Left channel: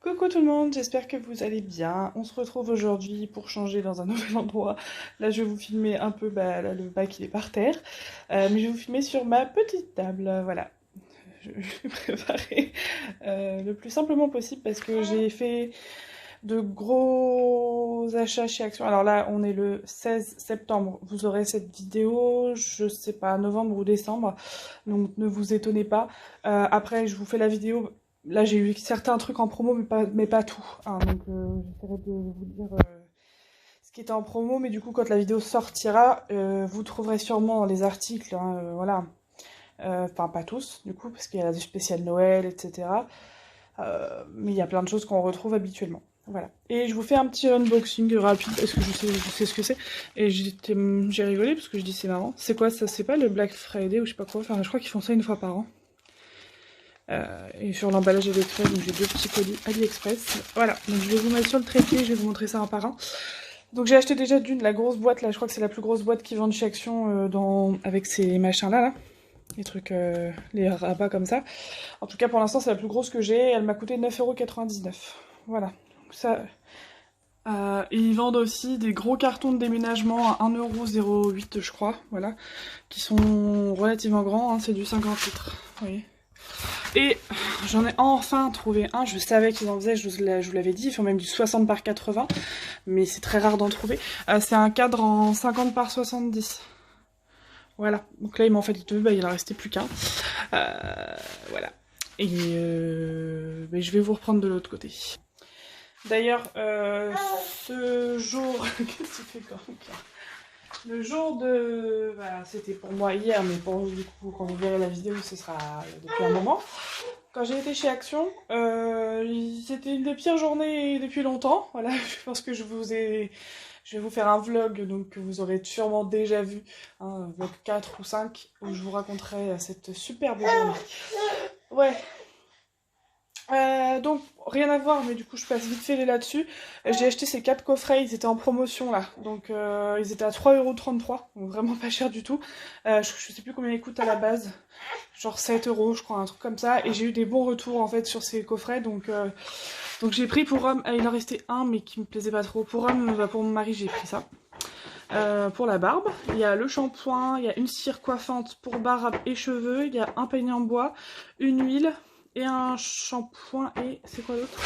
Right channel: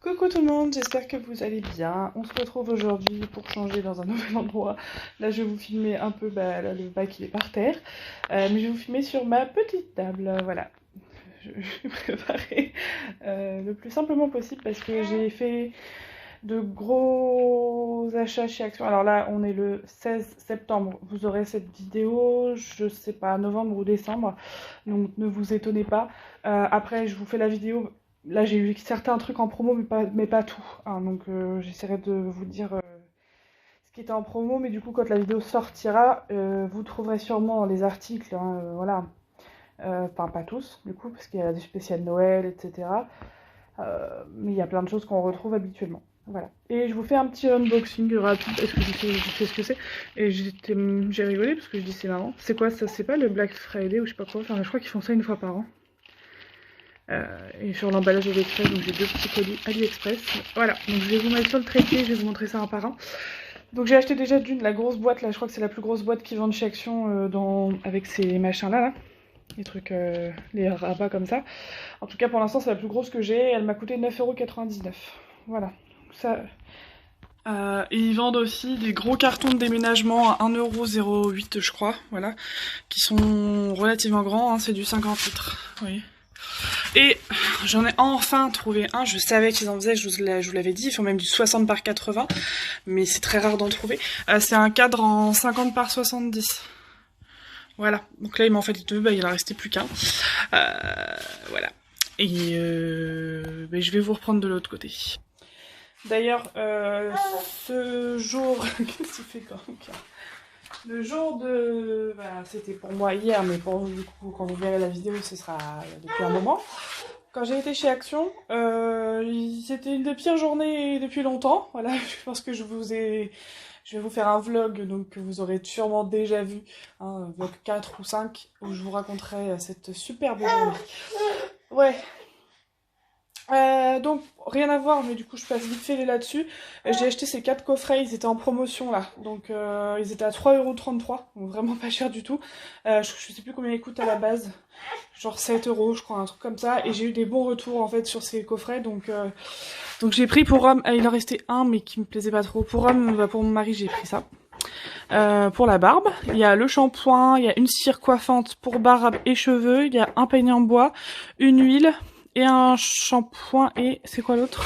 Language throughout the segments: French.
Coucou tout le monde, j'espère que vous allez bien. On se retrouve aujourd'hui pour changer dans un nouvel endroit. Là, je vais vous filmer un peu, là, le bac il est par terre. Mais je vais vous filmer sur ma petite table. Voilà, je vais préparer le plus simplement possible parce que j'ai fait de gros achats chez Action. Alors là, on est le 16 septembre. Vous aurez cette vidéo, je sais pas, novembre ou décembre. Donc ne vous étonnez pas. Après, je vous fais la vidéo. Là, j'ai eu certains trucs en promo, mais pas tout, hein. Donc j'essaierai de vous dire ce qui était en promo. Mais du coup, quand la vidéo sortira, vous trouverez sûrement dans les articles, hein, voilà. Enfin, pas tous, du coup, parce qu'il y a du spécial Noël, etc. Mais il y a plein de choses qu'on retrouve habituellement. Voilà. Et je vous fais un petit unboxing rapide, parce que je sais ce que c'est. Et j'ai rigolé, parce que je dis c'est marrant. C'est quoi ça? C'est pas le Black Friday ou je sais pas quoi. Enfin, je crois qu'ils font ça une fois par an. Et sur l'emballage AliExpress, donc j'ai deux petits colis AliExpress. Voilà, donc je vais vous mettre sur le trépied, je vais vous montrer ça un par un. Donc j'ai acheté déjà la grosse boîte, là, je crois que c'est la plus grosse boîte qu'ils vendent chez Action avec ces machins-là, là. Les trucs, les rabats comme ça. En tout cas, pour l'instant, c'est la plus grosse que j'ai. Elle m'a coûté 9,99 €. Voilà. Donc ça... et ils vendent aussi des gros cartons de déménagement à 1,08 €, je crois, voilà, qui sont relativement grands, hein, c'est du 50 litres, oui. Et j'en ai enfin trouvé un, je savais qu'ils en faisaient, je vous l'avais dit, ils font même du 60 par 80, mais c'est très rare d'en trouver. C'est un cadre en 50 par 70. Voilà, donc là il m'en fait deux, il en restait plus qu'un. Voilà. Et je vais vous reprendre de l'autre côté. D'ailleurs, ce jour... Qu'est-ce que tu fais quand même? Le jour de... c'était pour moi hier, mais pour vous, du coup, quand vous verrez la vidéo, ce sera depuis un moment. Quand j'ai été chez Action, c'était une des pires journées depuis longtemps. Voilà, je pense que je vais vous faire un vlog, donc que vous aurez sûrement déjà vu, hein, un vlog 4 ou 5, où je vous raconterai cette superbe journée. Ouais. Donc, rien à voir, mais du coup, je passe vite fait là-dessus. J'ai acheté ces 4 coffrets, ils étaient en promotion là. Donc, ils étaient à 3,33 €, donc vraiment pas cher du tout. Je sais plus combien ils coûtent à la base. Genre 7 € je crois, un truc comme ça. Et j'ai eu des bons retours en fait sur ces coffrets. Donc j'ai pris pour homme. Il en restait un, mais qui me plaisait pas trop. Pour homme, pour mon mari, j'ai pris ça. Pour la barbe, il y a le shampoing, il y a une cire coiffante pour barbe et cheveux, il y a un peigne en bois, une huile et un shampoing et... c'est quoi l'autre?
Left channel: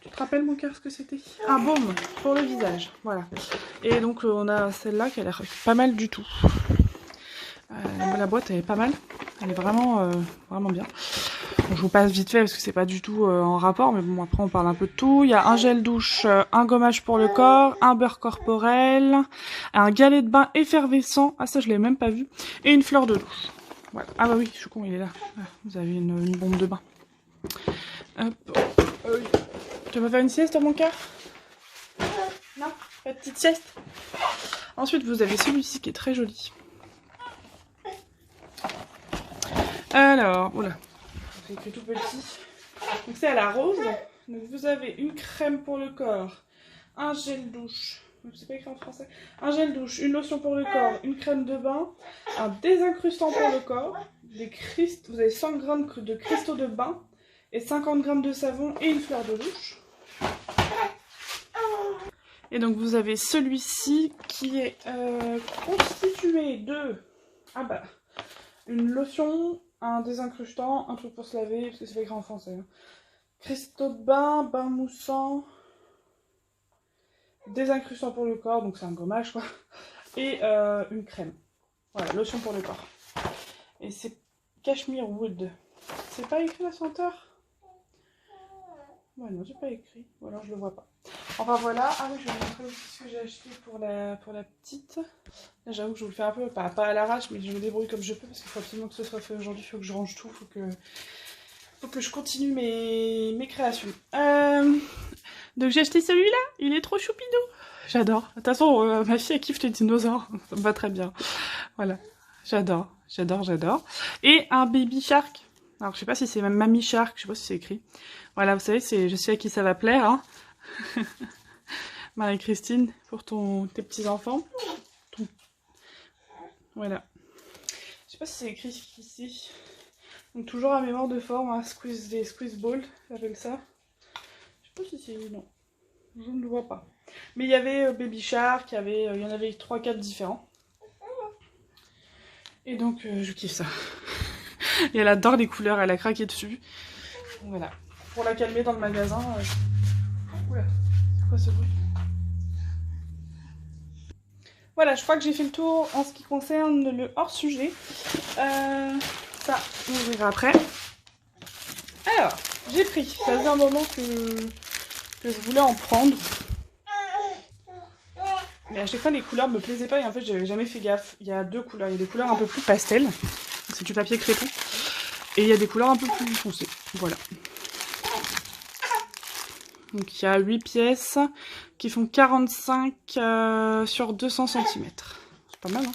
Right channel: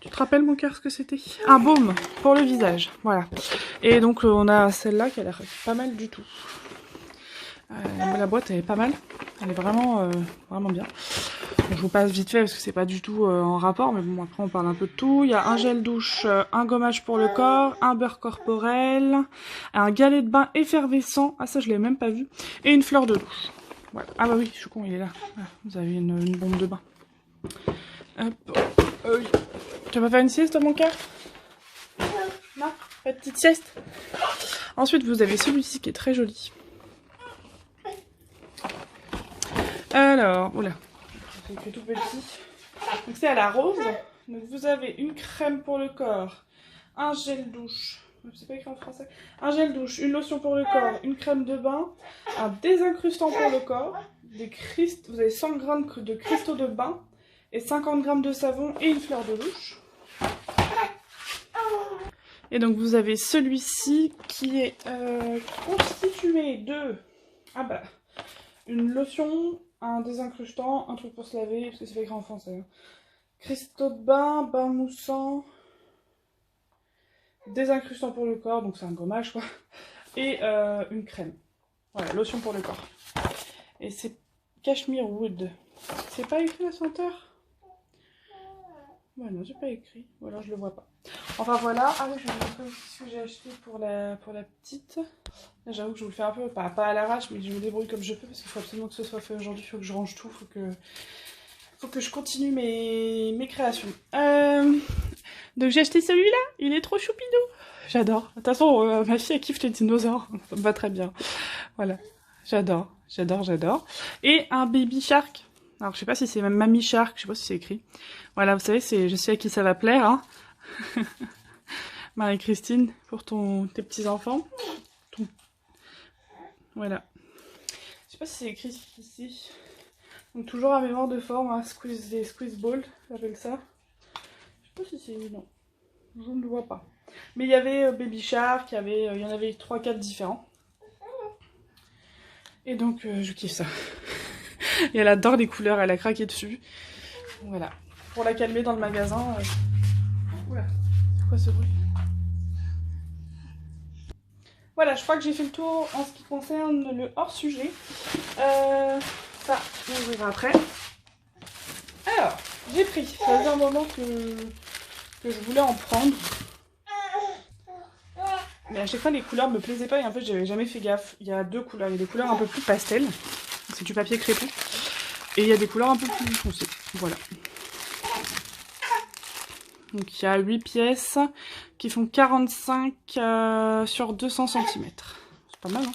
Tu te rappelles mon cœur ce que c'était? Un baume pour le visage, voilà. Et donc on a celle-là qui a l'air pas mal du tout. La boîte elle est pas mal, elle est vraiment, vraiment bien. Bon, je vous passe vite fait parce que c'est pas du tout en rapport, mais bon après on parle un peu de tout. Il y a un gel douche, un gommage pour le corps, un beurre corporel, un galet de bain effervescent, ah ça je l'ai même pas vu, et une fleur de douche. Voilà. Ah bah oui, je suis con, il est là. Ah, vous avez une bombe de bain. Hop. Tu vas pas faire une sieste mon cœur? Non? Pas de petite sieste? Ensuite vous avez celui-ci qui est très joli. Alors, oula, c'est tout petit. Donc c'est à la rose. Donc vous avez une crème pour le corps, un gel douche, c'est pas écrit en français, un gel douche, une lotion pour le corps, une crème de bain, un désincrustant pour le corps, vous avez 100 g de cristaux de bain et 50 g de savon et une fleur de douche. Et donc vous avez celui-ci qui est constitué de une lotion, un désincrustant, un truc pour se laver, parce que c'est pas écrit en français, hein. Cristaux de bain, bain moussant, désincrustant pour le corps, donc c'est un gommage quoi, et une crème. Voilà, lotion pour le corps. Et c'est Cashmere Wood. C'est pas écrit la senteur? Ouais, non, c'est pas écrit, ou alors je le vois pas. Enfin voilà, ah oui, je vais vous montrer aussi ce que j'ai acheté pour la petite. Là, j'avoue que je vous le fais un peu, pas à l'arrache, mais je me débrouille comme je peux, parce qu'il faut absolument que ce soit fait aujourd'hui, il faut que je range tout, faut que je continue mes créations. Donc j'ai acheté celui-là, il est trop choupidou. J'adore. De toute façon, ma fille elle kiffe les dinosaures, ça me va très bien. Voilà, j'adore, j'adore, j'adore. Et un baby shark. Alors je sais pas si c'est même Mamie Shark, je sais pas si c'est écrit. Voilà, vous savez, je sais à qui ça va plaire, hein. Marie-Christine, pour tes petits-enfants. Voilà. Je sais pas si c'est écrit ici. Donc toujours à mémoire de forme, hein, des squeeze balls, j'appelle ça. sais pas si c'est... non, je ne le vois pas. Mais il y avait Baby Shark, il y en avait 3-4 différents. Et donc je kiffe ça. Et elle adore les couleurs, elle a craqué dessus. Voilà. Pour la calmer dans le magasin. Oula, c'est quoi ce bruit? Voilà, je crois que j'ai fait le tour en ce qui concerne le hors-sujet. Ça, on verra après. Alors, j'ai pris. Ça faisait un moment que je voulais en prendre. Mais à chaque fois, les couleurs me plaisaient pas et en fait, j'avais jamais fait gaffe. Il y a deux couleurs. Il y a des couleurs un peu plus pastel. C'est du papier crépon. Et il y a des couleurs un peu plus foncées. Voilà. Donc il y a 8 pièces qui font 45 sur 200 cm. C'est pas mal, hein?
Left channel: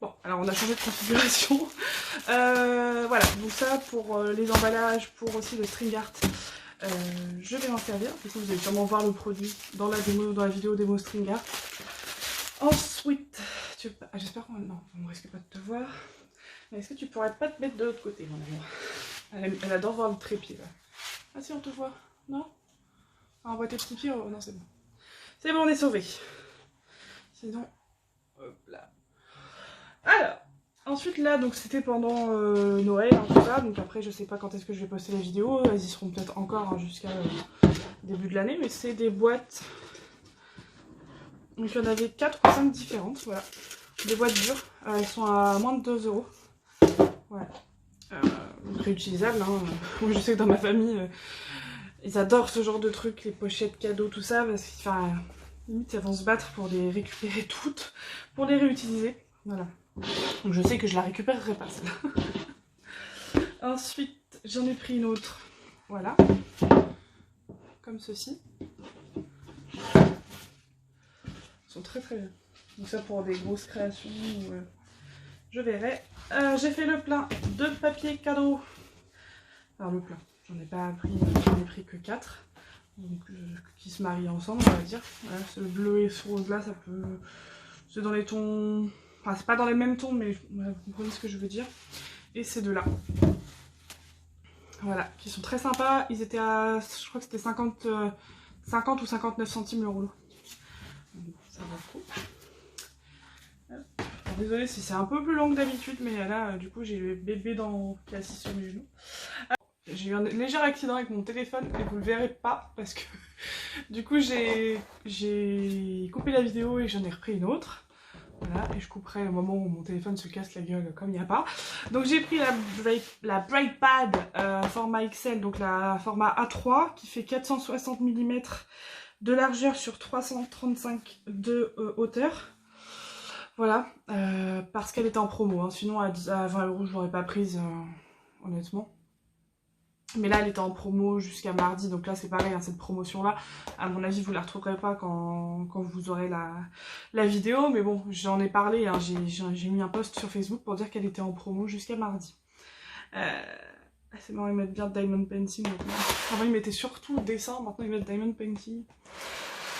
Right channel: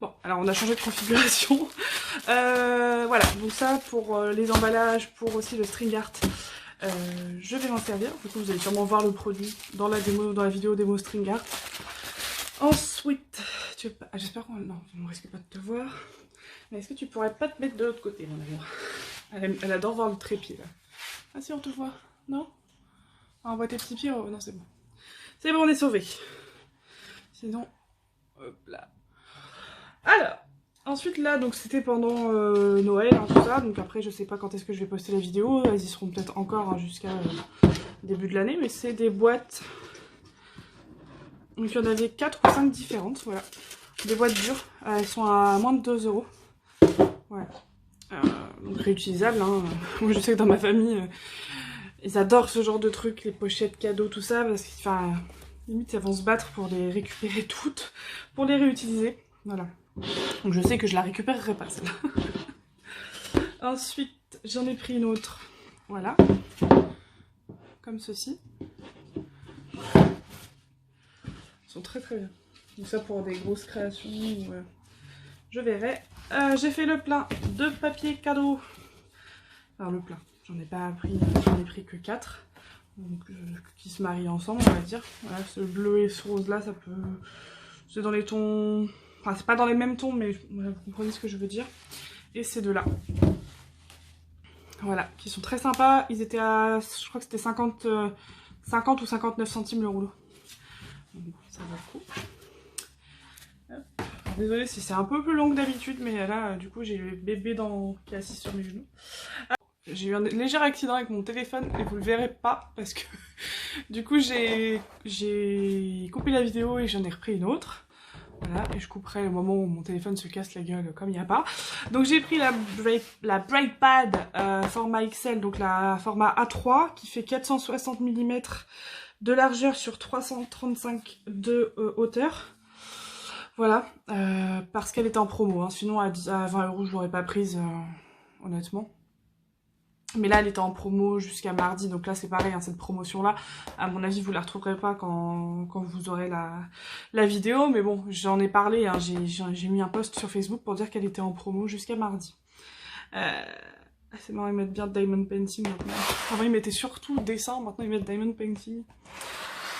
Bon, alors on a changé de configuration. Voilà, donc ça pour les emballages, pour aussi le string art, je vais m'en servir. Du coup, vous allez sûrement voir le produit dans la démo, dans la vidéo démo string art. Ensuite, j'espère qu'on ne risque pas de te voir. Mais est-ce que tu pourrais pas te mettre de l'autre côté, mon amour? Elle adore voir le trépied là. Ah si, on te voit. Non? Ah, on voit tes petits pieds. Oh, non, c'est bon. C'est bon, on est sauvés. Sinon, hop là. Alors, ensuite là, donc c'était pendant Noël, hein, tout ça. Donc après, je sais pas quand est-ce que je vais poster les vidéos. Elles y seront peut-être encore hein, jusqu'à début de l'année. Mais c'est des boîtes. Donc il y en avait 4 ou 5 différentes. Voilà. Des boîtes dures. Elles sont à moins de 2 €. Voilà. Donc réutilisables. Hein. Moi, je sais que dans ma famille, ils adorent ce genre de trucs, les pochettes cadeaux, tout ça. Parce que, enfin, limite, elles vont se battre pour les récupérer toutes, pour les réutiliser. Voilà. Donc je sais que je la récupérerai pas celle-là. Ensuite, j'en ai pris une autre. Voilà. Comme ceci. Ils sont très très bien. Donc ça pour des grosses créations, je verrai. J'ai fait le plein de papier cadeau. Alors le plein, j'en ai pas pris, j'en ai pris que 4. Donc qui se marient ensemble, on va dire. Voilà, ce bleu et ce rose là, ça peut... C'est dans les tons... Enfin, c'est pas dans les mêmes tons, mais vous comprenez ce que je veux dire. Et ces deux-là. Voilà, qui sont très sympas. Ils étaient à... Je crois que c'était 50 ou 59 centimes le rouleau. Donc, ça va le coup. Désolée si c'est un peu plus long que d'habitude, mais là, du coup, j'ai le bébé qui est assis sur mes genoux. J'ai eu un léger accident avec mon téléphone et vous le verrez pas parce que du coup j'ai coupé la vidéo et j'en ai repris une autre. Voilà, et je couperai le moment où mon téléphone se casse la gueule comme il n'y a pas. Donc j'ai pris la BrakePad format XL, donc la format A3 qui fait 460 mm de largeur sur 335 de hauteur. Voilà, parce qu'elle était en promo, hein. Sinon à 20 € je l'aurais pas prise honnêtement. Mais là, elle était en promo jusqu'à mardi, donc là, c'est pareil, hein, cette promotion-là, à mon avis, vous la retrouverez pas quand vous aurez la vidéo. Mais bon, j'en ai parlé, hein, j'ai mis un post sur Facebook pour dire qu'elle était en promo jusqu'à mardi. C'est marrant, ils mettent bien Diamond Painting maintenant. Avant, ils mettaient surtout dessin, maintenant, ils mettent Diamond Painting.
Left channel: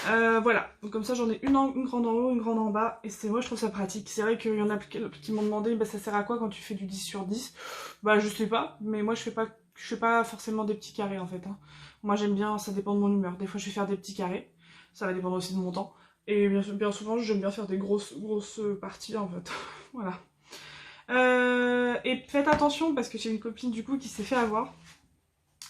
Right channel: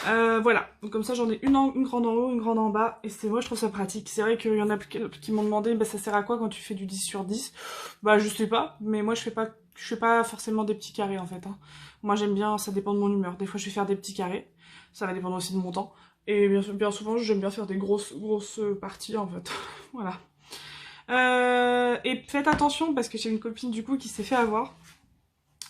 Voilà, donc comme ça j'en ai une grande en haut, une grande en bas, et moi je trouve ça pratique. C'est vrai qu'il y en a qui m'ont demandé bah, ça sert à quoi quand tu fais du 10 sur 10. Bah je sais pas, mais moi je fais pas forcément des petits carrés en fait. Hein. Moi j'aime bien, ça dépend de mon humeur. Des fois je vais faire des petits carrés, ça va dépendre aussi de mon temps. Et bien souvent j'aime bien faire des grosses parties en fait. Voilà. Et faites attention parce que j'ai une copine du coup qui s'est fait avoir.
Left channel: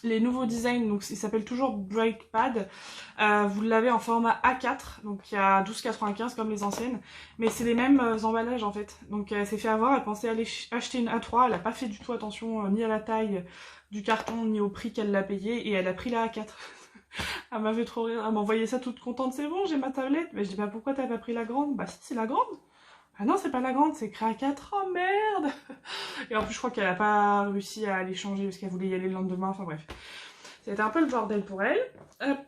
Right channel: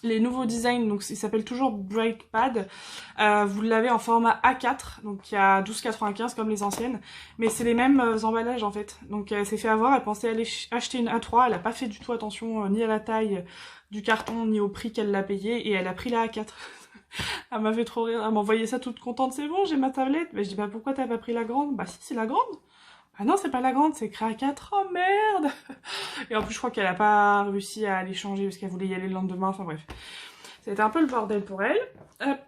Les nouveaux designs, donc il s'appelle toujours BrakePad, vous l'avez en format A4, donc il y a 12,95 comme les anciennes, mais c'est les mêmes emballages en fait. Donc elle s'est fait avoir, elle pensait aller acheter une A3, elle n'a pas fait du tout attention ni à la taille du carton ni au prix qu'elle l'a payé, et elle a pris la A4. Elle m'a fait trop rire, elle m'envoyait ça toute contente, c'est bon j'ai ma tablette, mais je dis bah pourquoi t'as pas pris la grande? Bah si c'est la grande. Ah non, c'est pas la grande, c'est écrit A4, oh merde! Et en plus, je crois qu'elle a pas réussi à aller changer parce qu'elle voulait y aller le lendemain, enfin bref. C'était un peu le bordel pour elle. Hop,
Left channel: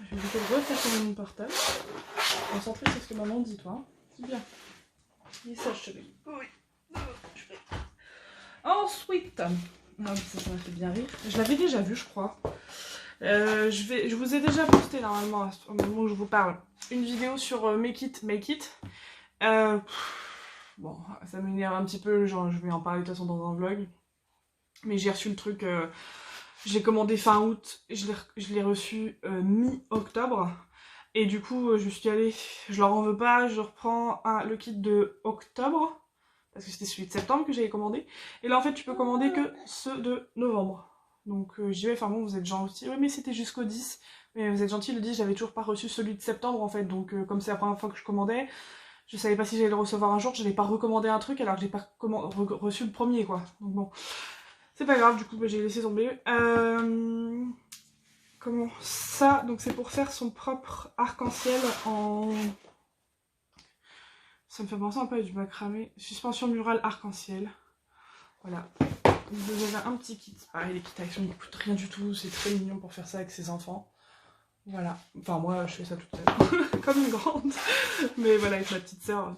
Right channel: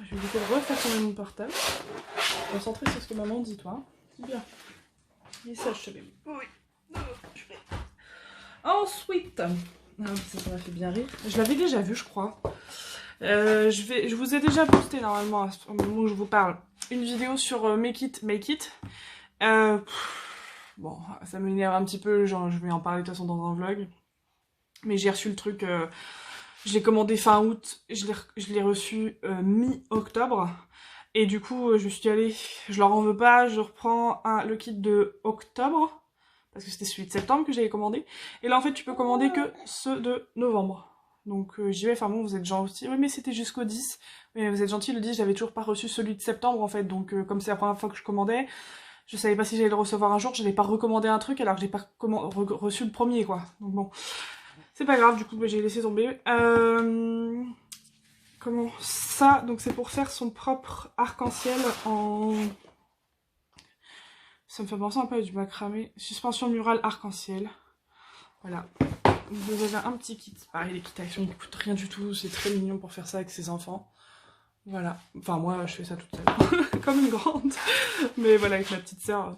je vais essayer de refaire mon portable. Concentrer sur ce que maman dit, toi. C'est bien. Et ça, je te mets. Oui. Ensuite, non, ça m'a fait bien rire. Je l'avais déjà vu, je crois. Je vous ai déjà posté normalement, au moment où je vous parle, une vidéo sur Make It. Bon, ça m'énerve un petit peu, genre je vais en parler de toute façon dans un vlog. Mais j'ai reçu le truc Je l'ai commandé fin août, je l'ai reçu mi-octobre. Et du coup, je me suis dit, allez, je leur en veux pas, je reprends le kit de octobre. Parce que c'était celui de septembre que j'avais commandé. Et là, en fait, tu peux commander que ceux de novembre. Donc, j'y vais, enfin bon, vous êtes gentil. Oui, mais c'était jusqu'au 10. Mais vous êtes gentil, le 10, j'avais toujours pas reçu celui de septembre, en fait. Donc, comme c'est la première fois que je commandais, je savais pas si j'allais le recevoir un jour. Je n'avais pas recommandé un truc alors que j'ai pas reçu le premier, quoi. Donc bon, c'est pas grave, du coup, bah, j'ai laissé tomber. Comment ça? Donc, c'est pour faire son propre arc-en-ciel en... Ça me fait penser un peu à du macramé. Suspension murale arc-en-ciel. Voilà. Vous avez un petit kit. Pareil, les kits actions ne coûtent rien du tout. C'est très mignon pour faire ça avec ses enfants. Voilà. Enfin, moi, je fais ça toute seule. Comme une grande. Mais voilà, avec ma petite sœur.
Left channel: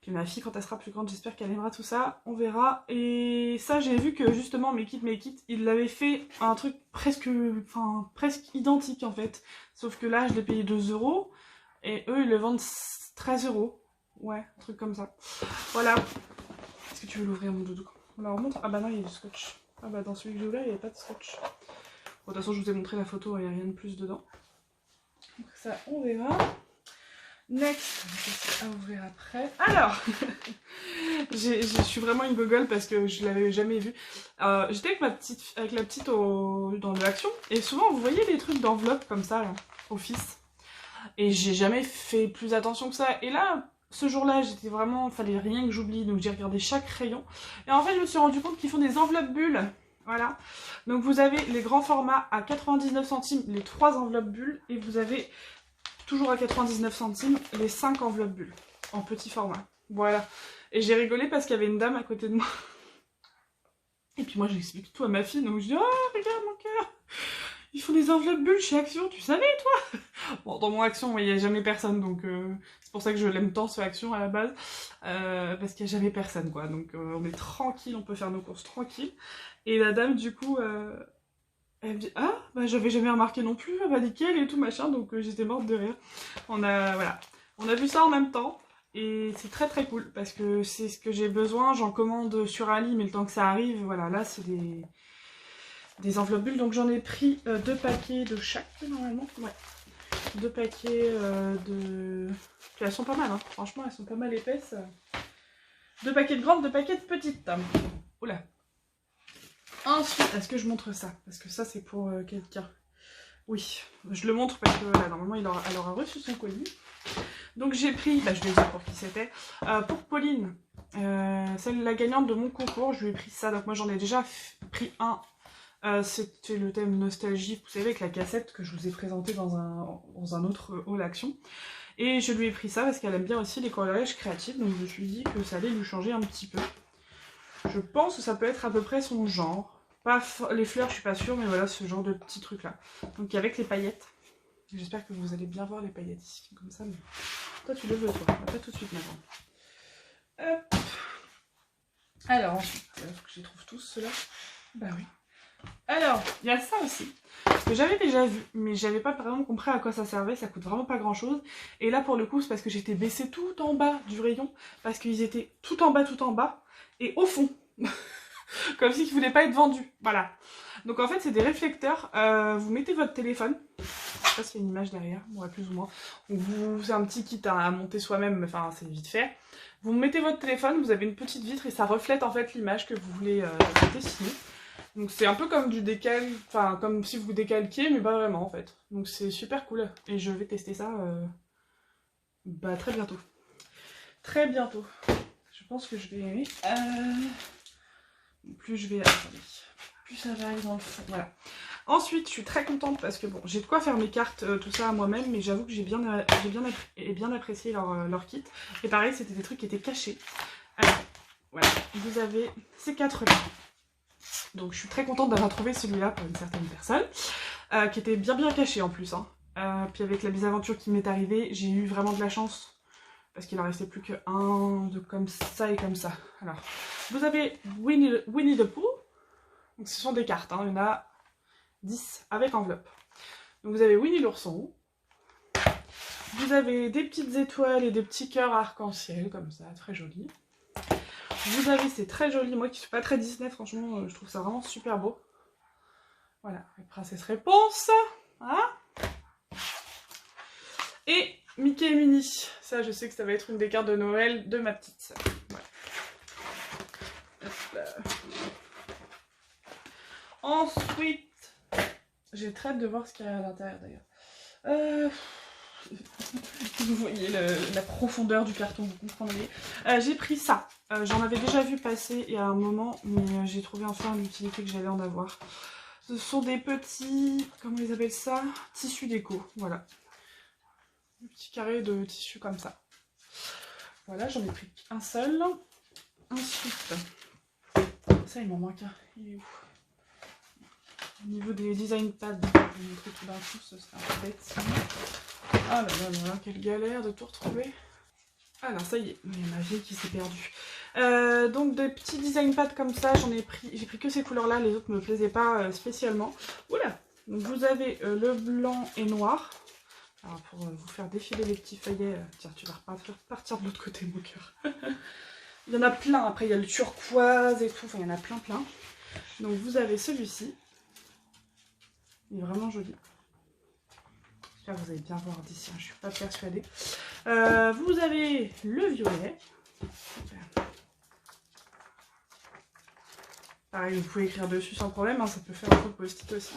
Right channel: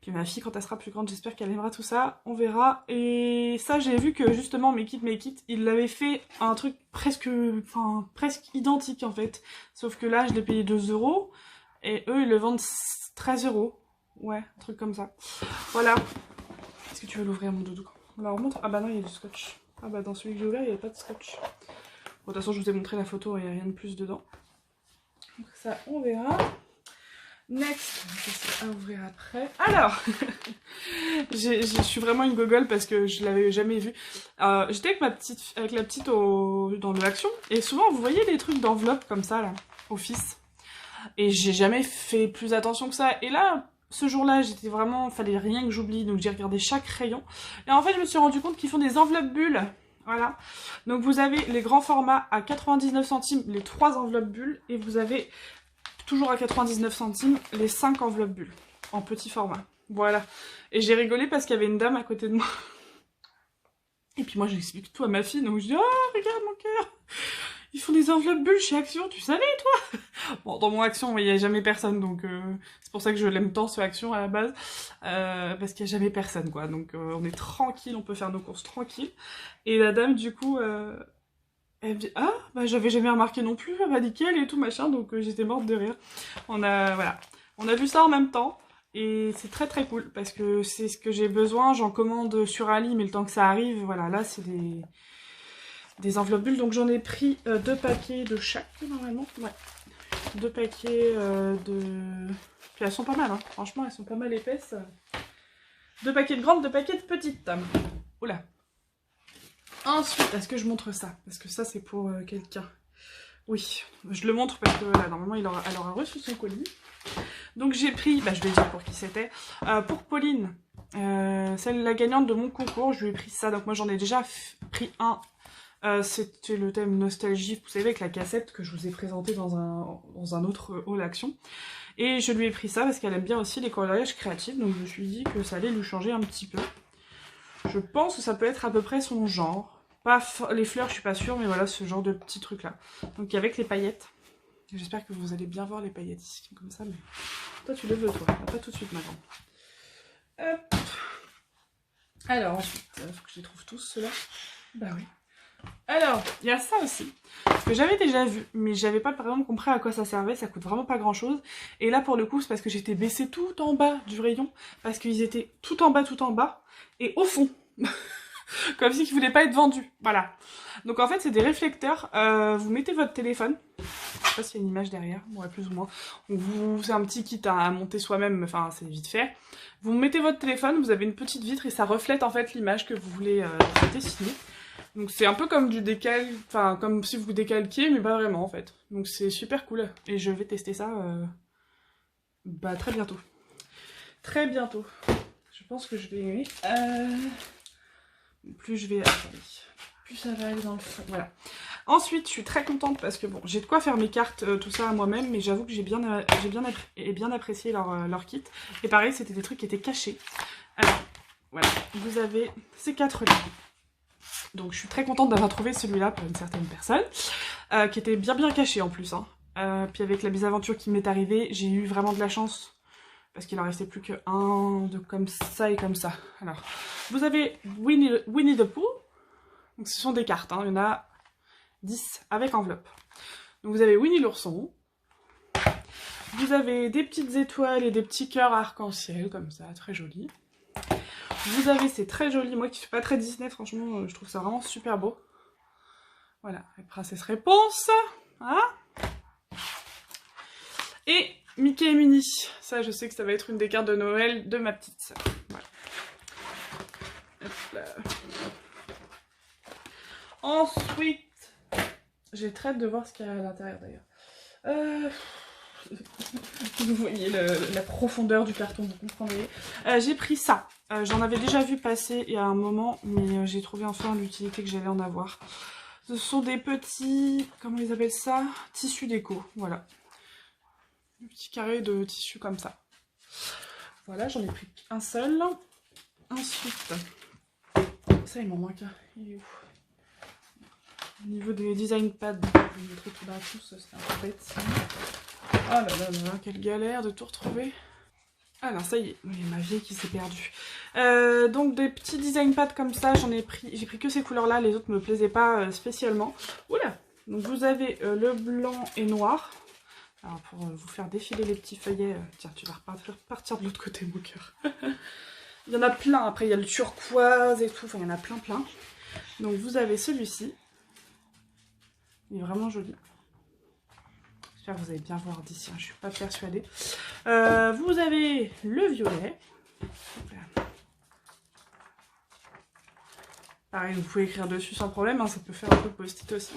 Puis ma fille, quand elle sera plus grande, j'espère qu'elle aimera tout ça. On verra. Et ça, j'ai vu que justement, mes kits, ils l'avaient fait un truc presque identique en fait. Sauf que là, je l'ai payé 2 €. Et eux, ils le vendent 13 €. Ouais, un truc comme ça. Voilà. Est-ce que tu veux l'ouvrir, mon doudou? On leur montre. Ah bah non, il y a du scotch. Ah bah dans celui que j'ai ouvert, il n'y avait pas de scotch. Bon, de toute façon, je vous ai montré la photo, il n'y a rien de plus dedans. Donc ça, on verra. Next, à ouvrir après. Alors, je suis vraiment une gogole parce que je l'avais jamais vu. J'étais avec la petite dans l'action et souvent vous voyez les trucs d'enveloppe comme ça là, office. Et j'ai jamais fait plus attention que ça. Et là, ce jour-là, j'étais vraiment, fallait rien que j'oublie, donc j'ai regardé chaque rayon. Et en fait, je me suis rendu compte qu'ils font des enveloppes bulles. Voilà. Donc vous avez les grands formats à 99 centimes, les 3 enveloppes bulles, et vous avez toujours à 99 centimes les 5 enveloppes bulles en petit format. Voilà. Et j'ai rigolé parce qu'il y avait une dame à côté de moi. Et puis moi, j'explique tout à ma fille, donc je dis, oh, regarde mon cœur, ils font des enveloppes bulles chez Action, tu savais toi? Bon, dans mon Action, il n'y a jamais personne, donc c'est pour ça que je l'aime tant ce Action à la base, parce qu'il n'y a jamais personne, quoi. Donc on est tranquille, on peut faire nos courses tranquilles. Et la dame, du coup, elle me dit, ah, bah j'avais jamais remarqué non plus, elle m'a dit qu'elle et tout, machin, donc j'étais morte de rire. Voilà, on a vu ça en même temps. Et c'est très très cool parce que c'est ce que j'ai besoin. J'en commande sur Ali, mais le temps que ça arrive, voilà, là c'est des enveloppes bulles. Donc j'en ai pris 2 paquets de chaque normalement. Ouais. 2 paquets de... Puis elles sont pas mal, hein. Franchement elles sont pas mal épaisses. 2 paquets de grandes, 2 paquets de petites. Oula. Ensuite, est-ce que je montre ça? Parce que ça c'est pour quelqu'un. Oui, je le montre parce que voilà, normalement elle aura reçu son colis. Donc j'ai pris, bah, je vais dire pour qui c'était, pour Pauline, celle la gagnante de mon concours, je lui ai pris ça, donc moi j'en ai déjà pris un, c'était le thème nostalgie, vous savez, avec la cassette que je vous ai présentée dans un autre haul action, et je lui ai pris ça parce qu'elle aime bien aussi les collages créatifs, donc je me suis dit que ça allait lui changer un petit peu. Je pense que ça peut être à peu près son genre, pas les fleurs je suis pas sûre, mais voilà ce genre de petits trucs là, donc avec les paillettes. J'espère que vous allez bien voir les paillettes ici, comme ça, mais toi tu le veux, toi, pas tout de suite maintenant. Hop. Alors ensuite, faut que je les trouve tous ceux-là. Bah oui. Alors, il y a ça aussi, que j'avais déjà vu, mais j'avais pas vraiment compris à quoi ça servait, ça coûte vraiment pas grand-chose. Et là pour le coup, c'est parce que j'étais baissée tout en bas du rayon, parce qu'ils étaient tout en bas, et au fond. Comme si ils voulaient pas être vendus, voilà. Donc en fait c'est des réflecteurs, vous mettez votre téléphone, je sais pas s'il y a une image derrière, ouais, plus ou moins. C'est un petit kit à monter soi-même, mais enfin c'est vite fait. Vous mettez votre téléphone, vous avez une petite vitre et ça reflète en fait l'image que vous voulez dessiner. Donc c'est un peu comme du décal, enfin comme si vous décalquiez, mais pas vraiment en fait. Donc c'est super cool et je vais tester ça bah, très bientôt. Très bientôt. Je pense que je vais aimer. Plus je vais... Attendez. Plus ça va aller dans le fond. Voilà. Ensuite, je suis très contente parce que bon, j'ai de quoi faire mes cartes, tout ça à moi-même, mais j'avoue que j'ai bien apprécié leur kit. Et pareil, c'était des trucs qui étaient cachés. Alors, voilà, vous avez ces 4 là. Donc je suis très contente d'avoir trouvé celui-là pour une certaine personne, qui était bien caché en plus. Hein. Puis avec la mésaventure qui m'est arrivée, j'ai eu vraiment de la chance. Parce qu'il en restait plus qu'un de comme ça et comme ça. Alors, vous avez Winnie the Pooh. Donc ce sont des cartes, hein. Il y en a 10 avec enveloppe. Donc vous avez Winnie l'ourson. Vous avez des petites étoiles et des petits cœurs arc-en-ciel, comme ça, très joli. Vous avez ces très jolis, moi qui suis pas très Disney, franchement, je trouve ça vraiment super beau. Voilà, avec Princesse Réponse. Hein, et Mickey et Minnie. Ça, je sais que ça va être une des cartes de Noël de ma petite sœur. Voilà. Ensuite, j'ai très hâte de voir ce qu'il y a à l'intérieur d'ailleurs. Vous voyez la profondeur du carton, vous comprenez. J'ai pris ça. J'en avais déjà vu passer il y a un moment, mais j'ai trouvé enfin l'utilité que j'allais en avoir. Ce sont des petits, comment ils appellent ça? Tissus déco, voilà. Un petit carré de tissu comme ça. Voilà, j'en ai pris un seul. Ensuite, ça il m'en manque un. Il est où? Au niveau des design pads, je vais mettre tout d'un coup, ce serait un peu bête. Oh là là là, quelle galère de tout retrouver. Ah là, ça y est, il y a ma vieille qui s'est perdue. Donc des petits design pads comme ça, j'ai pris que ces couleurs-là, les autres ne me plaisaient pas spécialement. Oula. Donc vous avez le blanc et noir. Alors pour vous faire défiler les petits feuillets, tiens, tu vas repartir de l'autre côté, mon cœur. Il y en a plein, après il y a le turquoise et tout, enfin il y en a plein. Donc vous avez celui-ci. Il est vraiment joli. J'espère que vous allez bien voir d'ici, hein, je suis pas persuadée. Vous avez le violet. Pareil, vous pouvez écrire dessus sans problème, hein, ça peut faire un peu post-it aussi.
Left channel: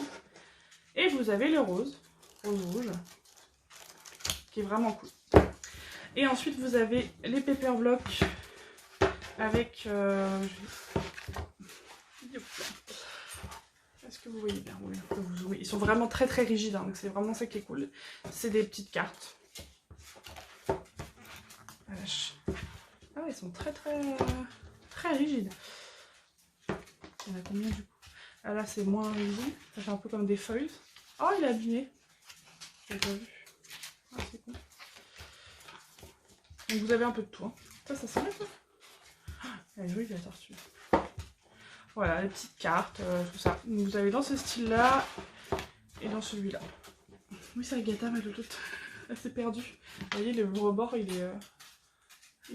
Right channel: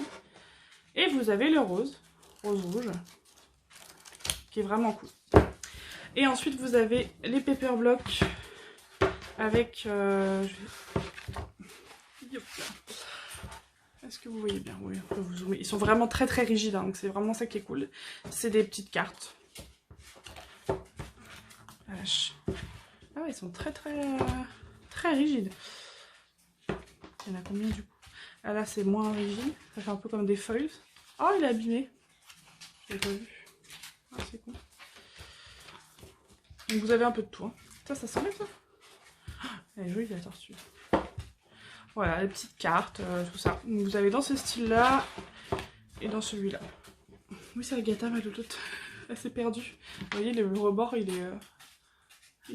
Et vous avez le rose rouge, qui est vraiment cool. Et ensuite vous avez les paper blocks avec... Est-ce que vous voyez bien? Oui, vous zoomer. Ils sont vraiment très très rigides, hein, donc c'est vraiment ça qui est cool. C'est des petites cartes. Ah ouais, ils sont très rigides. Il y en a combien du coup? Ah là c'est moins rigide, ça fait un peu comme des feuilles. Oh il est abîmé. J'ai pas vu. Ah c'est cool. Donc vous avez un peu de tout. Hein. Ça sent bien ça. Elle est jolie la tortue. Voilà, les petites cartes, tout ça. Donc, vous avez dans ce style-là et dans celui-là. Oui, c'est Agatha, mais l'autre, elle s'est perdue. Vous voyez, le rebord, il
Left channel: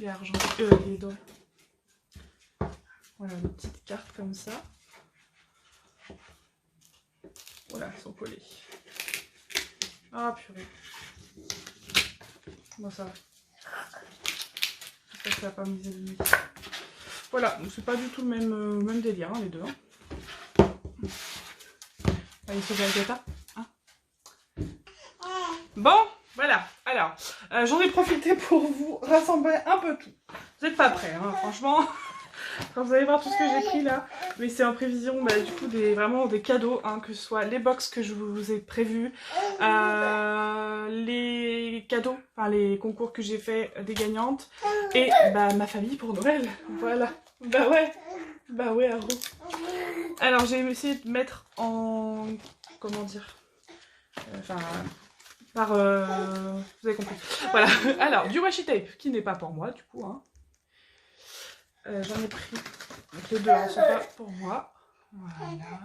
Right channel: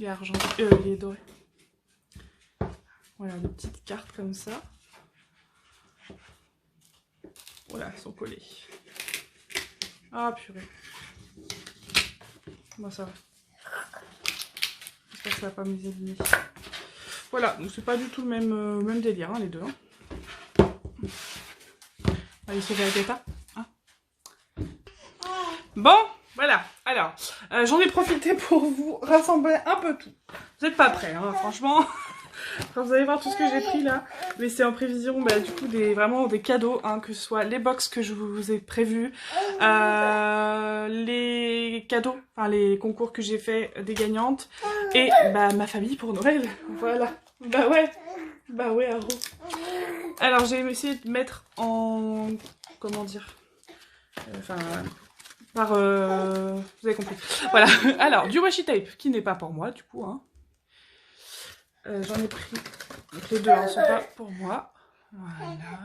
est argenté, il est doré. Voilà, des petites cartes comme ça. Voilà, elles sont collées. Ah, purée. Bon, ça va. J'espère que ça va pas me les abîmer. Voilà, c'est pas du tout le même délire, hein, les deux. Hein. Allez, sauver Agatha. Hein. Bon, voilà. Alors, j'en ai profité pour vous rassembler un peu tout. Vous n'êtes pas prêts, hein, franchement. Quand vous allez voir tout ce que j'ai pris là. Mais c'est en prévision, bah, du coup, vraiment des cadeaux, hein, que ce soit les box que je vous ai prévus, les cadeaux, enfin les concours que j'ai fait des gagnantes, et bah ma famille pour Noël. Voilà. Bah ouais, Arro. Alors j'ai essayé de mettre en... comment dire, enfin... par... vous avez compris. Voilà. Alors, du washi tape, qui n'est pas pour moi, du coup. Hein. J'en ai pris... Les deux ne sont pas pour moi. Voilà.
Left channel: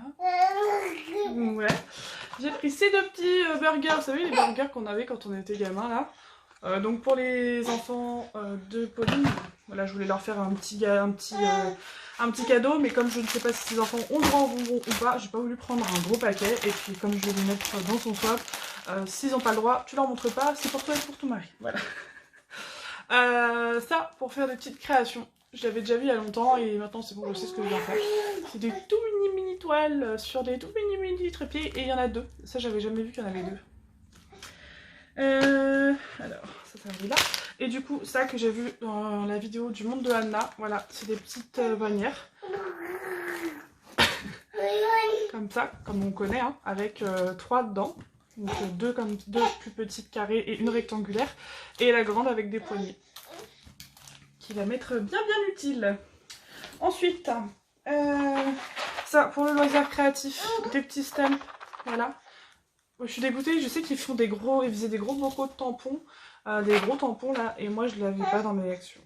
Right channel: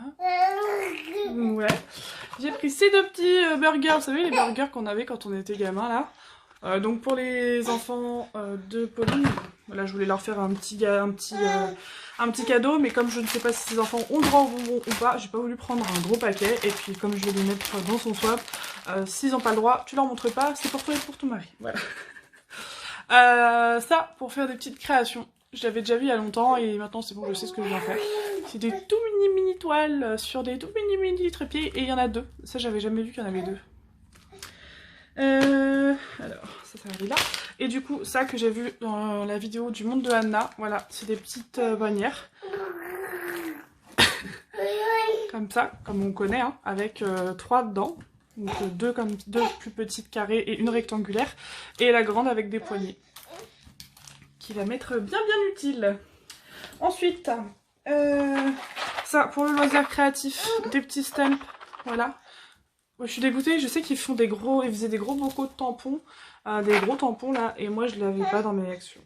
Ouais. J'ai pris ces deux petits burgers. Vous savez, les burgers qu'on avait quand on était gamin, là. Donc pour les enfants de Pauline, là je voulais leur faire un petit cadeau, mais comme je ne sais pas si ces enfants ont droit au bonbon ou pas, j'ai pas voulu prendre un gros paquet, et puis comme je vais les mettre dans son swap, s'ils n'ont pas le droit, tu leur montres pas, c'est pour toi et pour ton mari. Voilà. Ça, pour faire des petites créations. Je l'avais déjà vu il y a longtemps et maintenant c'est bon, je sais ce que je vais en faire. C'est des tout mini toiles sur des tout mini trépieds, et il y en a deux. Ça j'avais jamais vu qu'il y en avait deux. Alors, ça va là. Et du coup, ça que j'ai vu dans la vidéo du monde de Anna, voilà, c'est des petites bannières. Comme ça, comme on connaît, hein, avec 3 dedans. Donc deux plus petites carrées et une rectangulaire. Et la grande avec des poignées. Qui va m'être bien utile. Ensuite, ça pour le loisir créatif, des petits stamps, voilà. Moi, je suis dégoûtée, je sais qu'ils faisaient des gros bocaux de tampons, des gros tampons là, et moi je ne l'avais pas dans mes actions.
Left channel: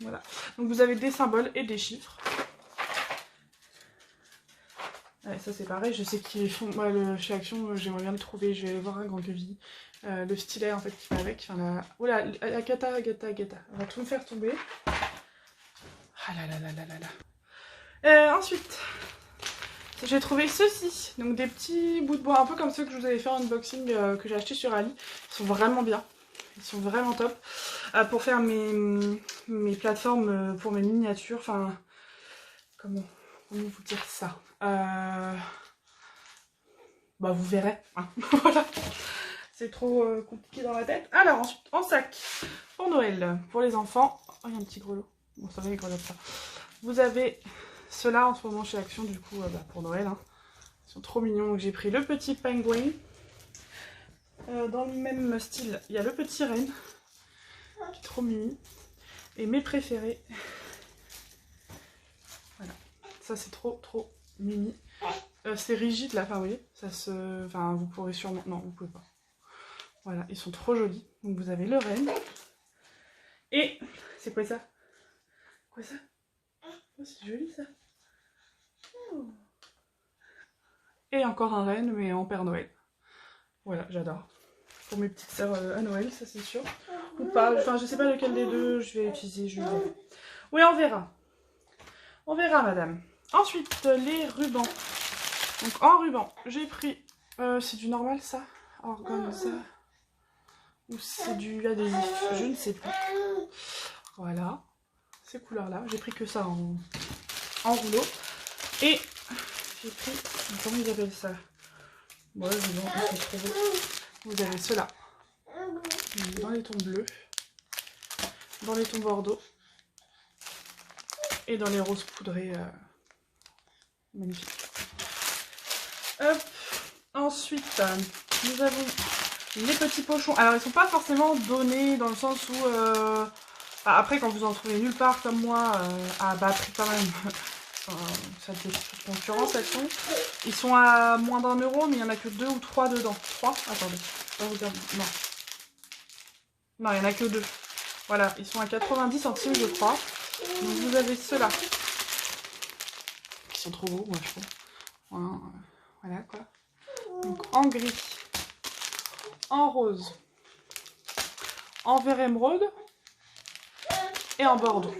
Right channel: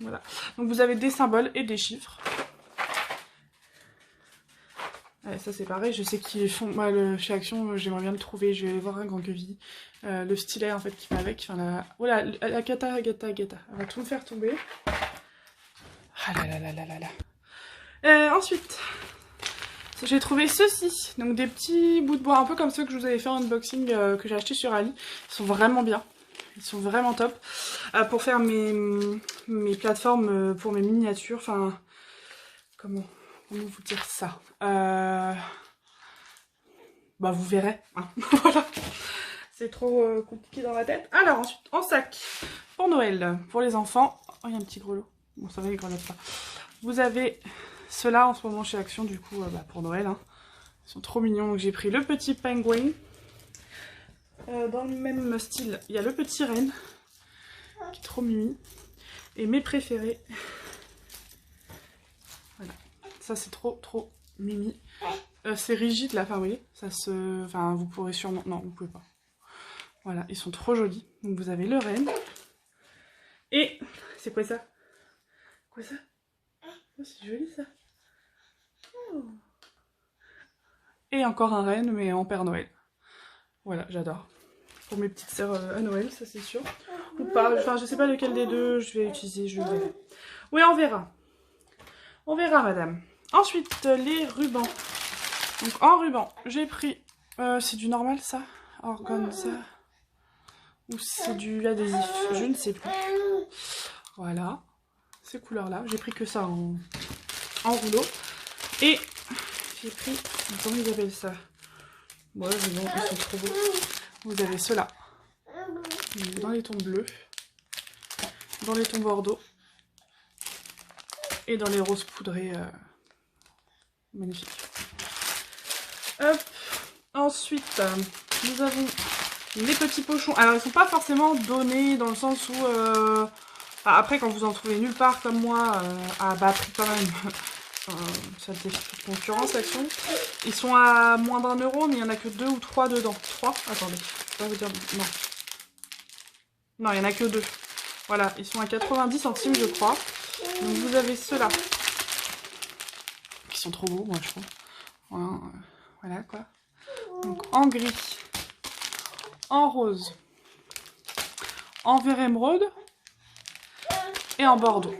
Voilà. Donc vous avez des symboles et des chiffres. Ouais, ça c'est pareil, je sais qu'ils font, moi chez Action, j'aimerais bien le trouver, je vais aller voir un grand levis. Le stylet en fait qui va avec, enfin voilà, Agatha, elle va tout me faire tomber. Ah là là là là là là. Ensuite, J'ai trouvé ceux-ci, donc des petits bouts de bois, un peu comme ceux que je vous avais fait en unboxing, que j'ai acheté sur Ali. Ils sont vraiment bien, ils sont vraiment top. Pour faire mes plateformes, pour mes miniatures, enfin, comment vous dire ça, bah vous verrez, hein. Voilà. C'est trop compliqué dans la tête. Alors ensuite, en sac, pour Noël, pour les enfants. Oh, il y a un petit grelot. Bon, ça va, il grelot pas. Vous avez ceux-là en ce moment chez Action, du coup, bah, pour Noël. Hein. Ils sont trop mignons. Donc j'ai pris le petit pingouin. Dans le même style, il y a le petit renne, qui est trop mimi. Et mes préférés. Voilà. Ça, c'est trop mimi. C'est rigide là, enfin, vous voyez, ça se... Enfin, vous pourrez sûrement... Non, vous pouvez pas. Voilà, ils sont trop jolis. Donc vous avez le renne. Et... C'est quoi ça? Quoi ça? Oh, c'est joli ça. Oh. Et encore un renne, mais en Père Noël. Voilà, j'adore. Pour mes petites sœurs à Noël, ça c'est sûr. Ou pas, enfin je sais pas lequel des deux je vais utiliser, je verrai. Oui, on verra. On verra, madame. Ensuite, les rubans. Donc en ruban, j'ai pris... c'est du normal ça? Organza. Ou c'est du adhésif? Je ne sais plus. Voilà. Ces couleurs-là. J'ai pris que ça en rouleau. Et j'ai pris... Comment ils appellent ça? Bon, ils sont trop beaux. Vous avez ceux-là. Dans les tons bleus. Dans les tons bordeaux. Et dans les roses poudrées. Magnifique. Hop. Ensuite, nous avons les petits pochons. Alors, ils ne sont pas forcément donnés dans le sens où... après, quand vous en trouvez nulle part comme moi, à bas prix quand même, ça fait toute concurrence, Action. Ils sont à moins d'1 €, mais il n'y en a que 2 ou 3 dedans. 3? Attendez, je vais vous dire... Non. Non, il n'y en a que 2. Voilà, ils sont à 90 centimes, je crois. Donc, vous avez ceux-là. Qui sont trop beaux, moi, je trouve. Voilà, quoi. Donc, en gris. En rose. En vert émeraude. Et en bordeaux.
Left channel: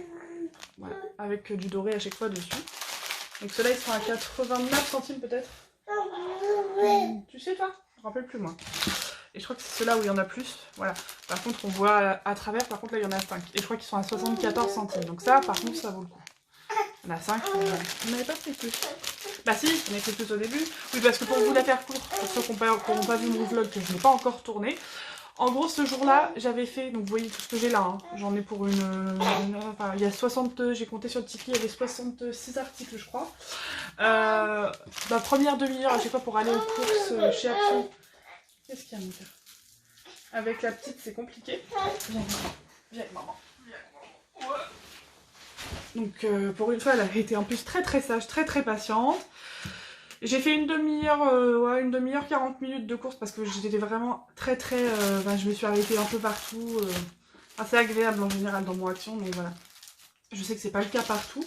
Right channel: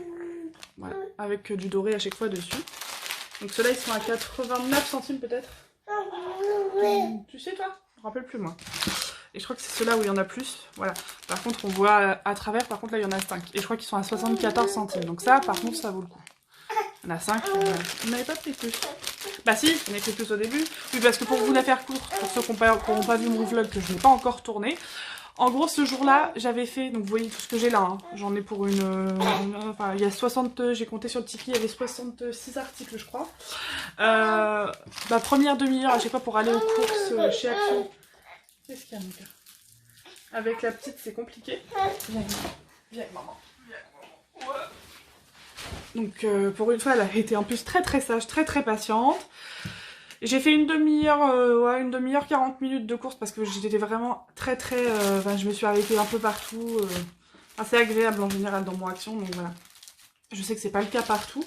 Voilà, avec du doré à chaque fois dessus. Donc ceux-là, ils sont à 89 centimes peut-être. Tu sais toi? Je me rappelle plus moi. Et je crois que c'est ceux-là où il y en a plus. Voilà. Par contre, on voit à travers, par contre là, il y en a 5. Et je crois qu'ils sont à 74 centimes. Donc ça, par contre, ça vaut le coup. Il y en a 5. On n'avait pas pris plus. Bah si, il y en a pris plus au début. Oui, parce que pour vous la faire courte, pour ceux qui n'ont pas vu mon vlog que je n'ai pas encore tourné, en gros, ce jour-là, j'avais fait, donc vous voyez tout ce que j'ai là, hein. J'en ai pour enfin, il y a 60, j'ai compté sur le Tiki, il y avait 66 articles, je crois. Ma première demi-heure à chaque fois pour aller aux courses chez Action. Qu'est-ce qu'il y a, Mika? Avec la petite, c'est compliqué. Viens avec maman. Donc, pour une fois, elle a été en plus très sage, très patiente. J'ai fait une demi-heure, ouais, une demi-heure, 40 minutes de course parce que j'étais vraiment je me suis arrêtée un peu partout. Assez agréable en général dans mon Action, donc voilà. Je sais que c'est pas le cas partout.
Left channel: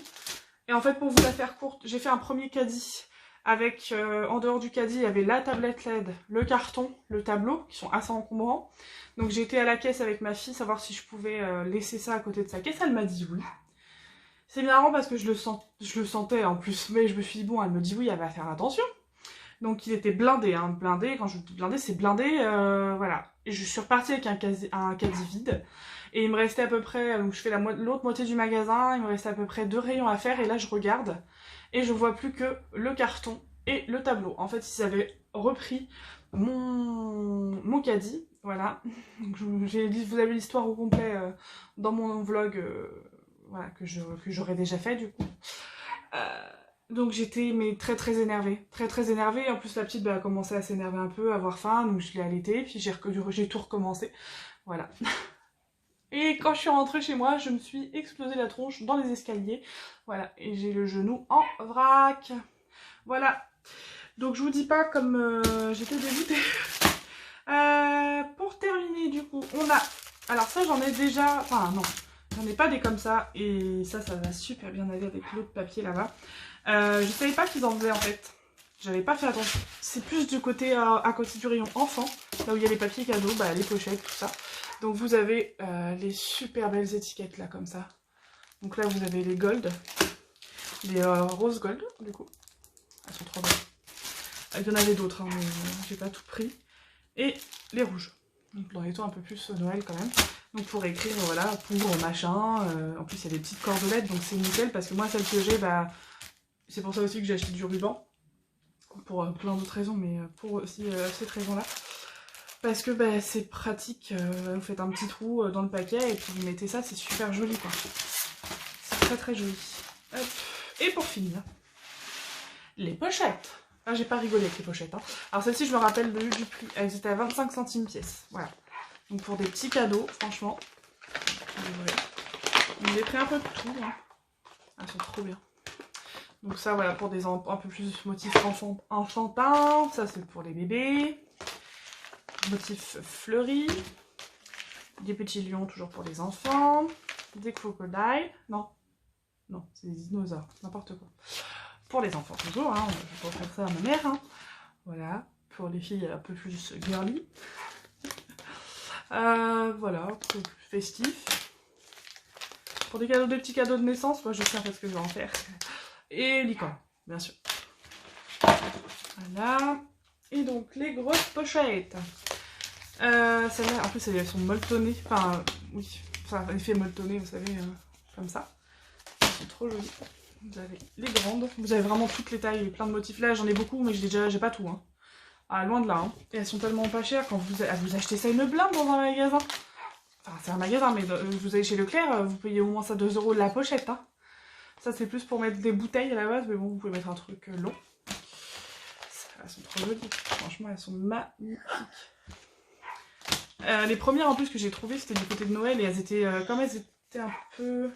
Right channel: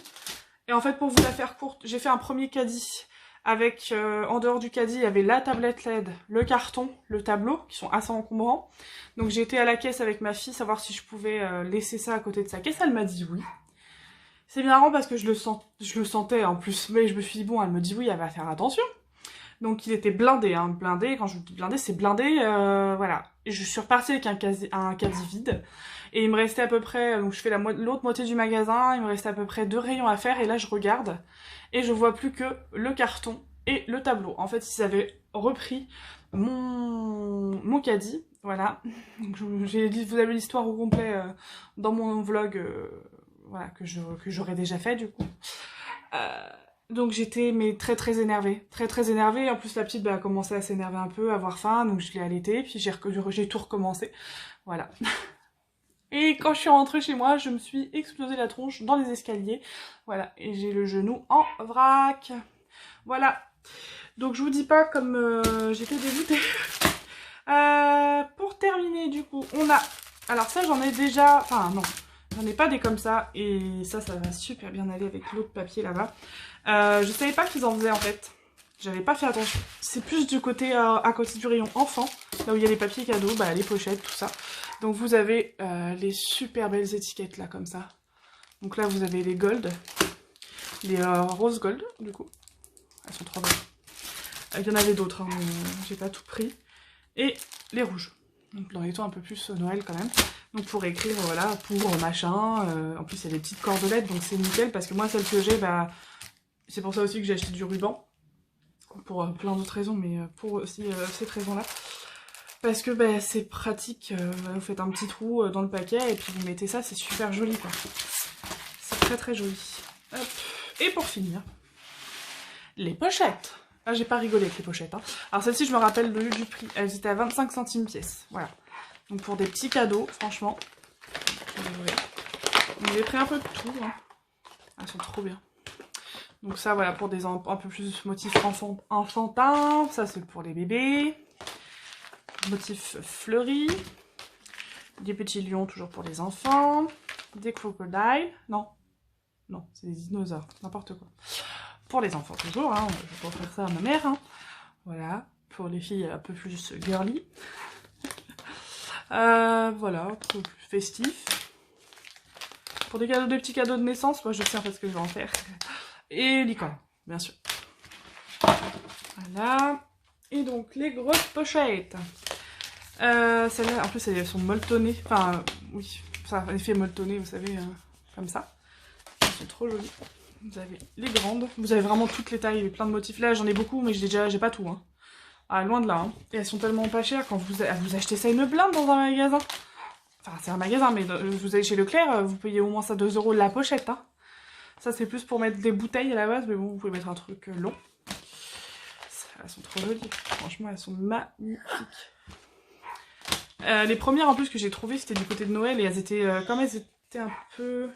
Et en fait, pour vous la faire courte, j'ai fait un premier caddie avec, en dehors du caddie, il y avait la tablette LED, le carton, le tableau, qui sont assez encombrants. Donc j'ai été à la caisse avec ma fille, savoir si je pouvais laisser ça à côté de sa caisse. Elle m'a dit oui. C'est bien marrant parce que je le sentais en plus, mais je me suis dit, bon, elle me dit oui, elle va faire attention. Donc il était blindé, hein, blindé, quand je vous dis blindé, c'est blindé, voilà. Et je suis repartie avec un caddie vide, et il me restait à peu près, donc je fais l'autre moitié du magasin, il me restait à peu près 2 rayons à faire, et là je regarde, et je vois plus que le carton et le tableau. En fait, ils avaient repris mon caddie, voilà. Donc, vous avez l'histoire au complet dans mon vlog, voilà, que j'aurais déjà fait du coup. Donc j'étais très énervée, très énervée. En plus la petite a commencé à s'énerver un peu, à avoir faim, donc je l'ai allaitée, puis j'ai tout recommencé, voilà. Et quand je suis rentrée chez moi, je me suis explosé la tronche dans les escaliers, voilà, et j'ai le genou en vrac, voilà. Donc je vous dis pas comme j'étais dégoûtée. Pour terminer du coup, on a, alors ça j'en ai déjà, enfin non, j'en ai pas des comme ça, et ça va super bien aller avec l'autre papier là-bas. Je savais pas qu'ils en faisaient en fait. J'avais pas fait attention. C'est plus du côté à côté du rayon enfant, là où il y a les papiers cadeaux, bah, les pochettes, tout ça. Donc vous avez les super belles étiquettes là comme ça. Donc là vous avez les gold, les rose gold du coup. Elles sont trop belles. Il y en avait d'autres, hein, mais j'ai pas tout pris. Et les rouges. Donc dans les tons un peu plus Noël quand même. Donc pour écrire, voilà, pour machin. En plus, il y a des petites cordelettes, donc c'est nickel. Parce que moi, celle que j'ai, bah, c'est pour ça aussi que j'ai acheté du ruban. Pour plein d'autres raisons, mais pour aussi cette raison-là. Parce que bah, c'est pratique, vous faites un petit trou dans le paquet et puis vous mettez ça, c'est super joli quoi. C'est très très joli. Hop. Et pour finir, les pochettes. Ah, j'ai pas rigolé avec les pochettes. Hein. Alors celle-ci, je me rappelle du prix. Elles étaient à 25 centimes pièce. Voilà. Donc pour des petits cadeaux, franchement. J'ai pris un peu de tout. Hein. Elles sont trop bien. Donc ça, voilà, pour des un peu plus motifs enfantins. Ça, c'est pour les bébés. Motifs fleuris. Des petits lions, toujours pour les enfants. Des crocodiles. Non. Non, c'est des dinosaures. N'importe quoi. Pour les enfants, toujours. Hein. Je vais pas faire ça à ma mère. Hein. Voilà. Pour les filles un peu plus girly. Voilà. Plus festif. Pour des cadeaux, des petits cadeaux de naissance, moi je sais pas ce que je vais en faire. Et licorne, bien sûr. Voilà. Et donc les grosses pochettes. Celles-là, en plus elles sont molletonnées. Enfin, oui, ça a effet molletonné, vous savez, comme ça. Elles sont trop jolies. Vous avez les grandes. Vous avez vraiment toutes les tailles, plein de motifs. Là j'en ai beaucoup, mais j'ai pas tout. Hein. Ah, loin de là. Hein. Et elles sont tellement pas chères quand vous achetez ça une blinde dans un magasin. Enfin, c'est un magasin, mais vous allez chez Leclerc, vous payez au moins ça 2 € la pochette. Hein. Ça, c'est plus pour mettre des bouteilles à la base, mais bon, vous pouvez mettre un truc long. Elles sont trop jolies. Franchement, elles sont magnifiques. Les premières, en plus, que j'ai trouvées, c'était du côté de Noël, et elles étaient, comme elles étaient un peu...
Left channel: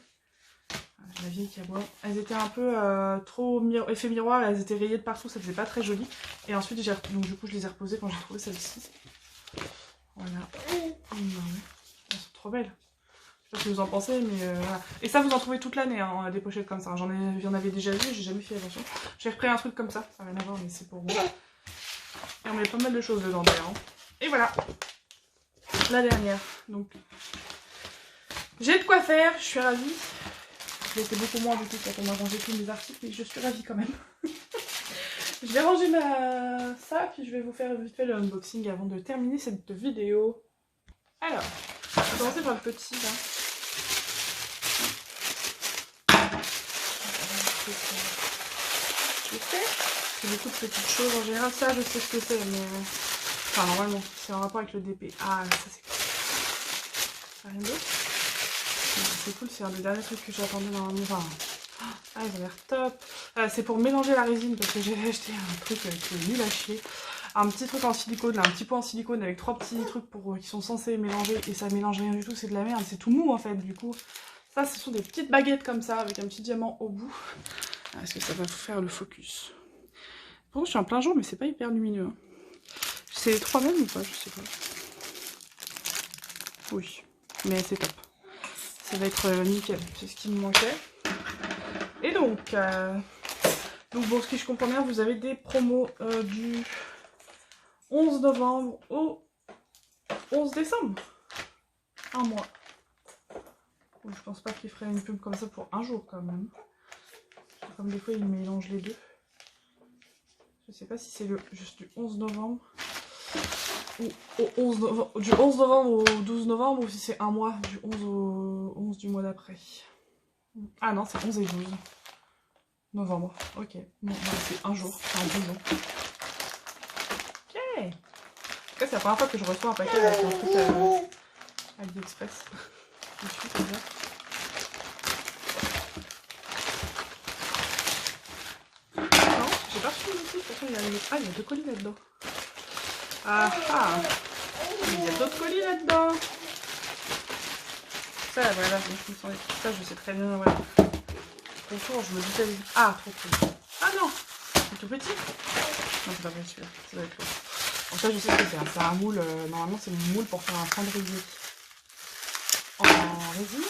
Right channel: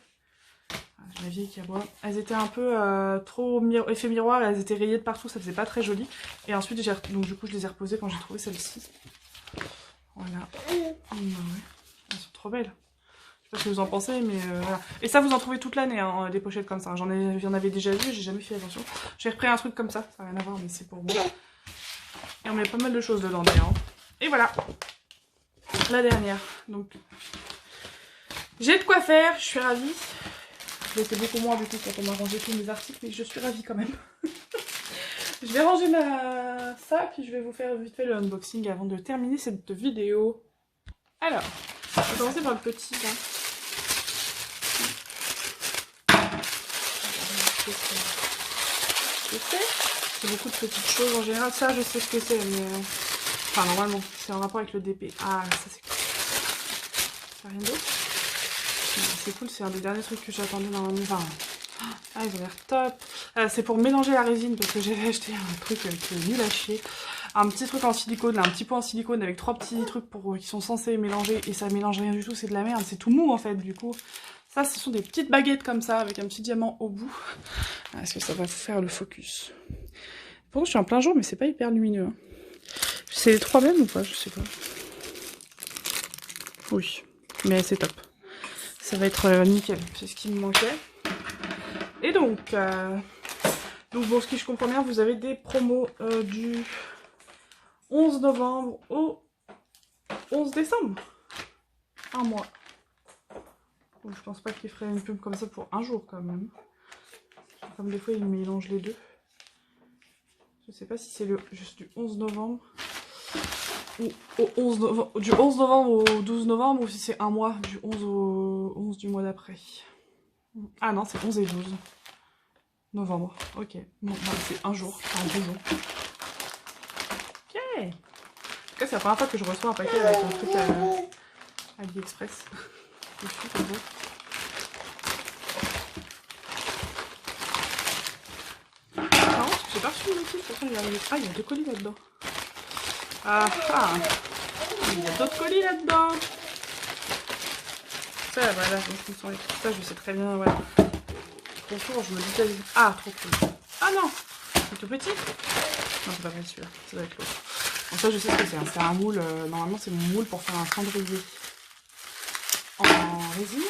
La vieille qui aboie. Elles étaient un peu trop effet miroir, elles étaient rayées de partout, ça faisait pas très joli. Et ensuite, donc du coup, je les ai reposées quand j'ai trouvé celle-ci. Voilà. Elles sont trop belles. Je sais pas ce que vous en pensez, mais voilà. Et ça, vous en trouvez toute l'année, hein, des pochettes comme ça. J'en avais déjà vu, j'ai jamais fait attention. J'ai repris un truc comme ça, ça n'a rien à voir, mais c'est pour vous. Et on met pas mal de choses dedans d'ailleurs. Et voilà, la dernière. Donc, j'ai de quoi faire, je suis ravie. C'était beaucoup moins du coup quand on a rangé tous mes articles, mais je suis ravie quand même. Je vais ranger ça, puis je vais vous faire vite fait le unboxing avant de terminer cette vidéo. Alors, on va commencer par le petit là. Je sais, c'est beaucoup de petites choses en général. Ça, je sais ce que c'est, mais enfin, normalement, c'est en rapport avec le DP. Ah, ça c'est cool. Ça rien d'autre. C'est cool, c'est un des derniers trucs que j'attendais dans mon enfin, ah, ils ont l'air top. C'est pour mélanger la résine parce que j'avais acheté un truc qui est nul à chier. Un petit truc en silicone, là, un petit pot en silicone avec 3 petits trucs qui sont censés mélanger et ça mélange rien du tout, c'est de la merde, c'est tout mou en fait du coup. Ça, ce sont des petites baguettes comme ça avec un petit diamant au bout. Est-ce que ça va vous faire le focus? Pourtant, je suis en plein jour, mais c'est pas hyper lumineux. Hein. C'est les 3 mêmes ou pas? Je sais pas. Oui, mais c'est top. Ça va être nickel, c'est ce qui me manquait. Et donc bon, ce que je comprends bien, vous avez des promos du 11 novembre au 11 décembre. Un mois. Donc, je pense pas qu'il ferait une pub comme ça pour un jour quand même. Comme des fois, il mélange les deux. Je sais pas si c'est juste du 11 novembre. Ou du 11 novembre au 12 novembre ou si c'est un mois du 11 au 11 du mois d'après. Ah non, c'est 11 et 12 novembre. Ok, bon, c'est un jour, enfin 2 jours. Ok. En tout cas, c'est la première fois que je reçois un paquet avec un truc à AliExpress. J'ai pas reçu non plus, pourtant il y a 2 colis là-dedans. Ah ah, il y a d'autres colis là-dedans. Ça, voilà, ça, je sais très bien, voilà. Bonjour, je me disais... Ah, trop cool. Ah non, c'est tout petit. Non, c'est pas vrai celui-là, ça doit être l'autre. Bon, ça, je sais ce que c'est. C'est un moule, normalement, c'est mon moule pour faire un cendrier en résine.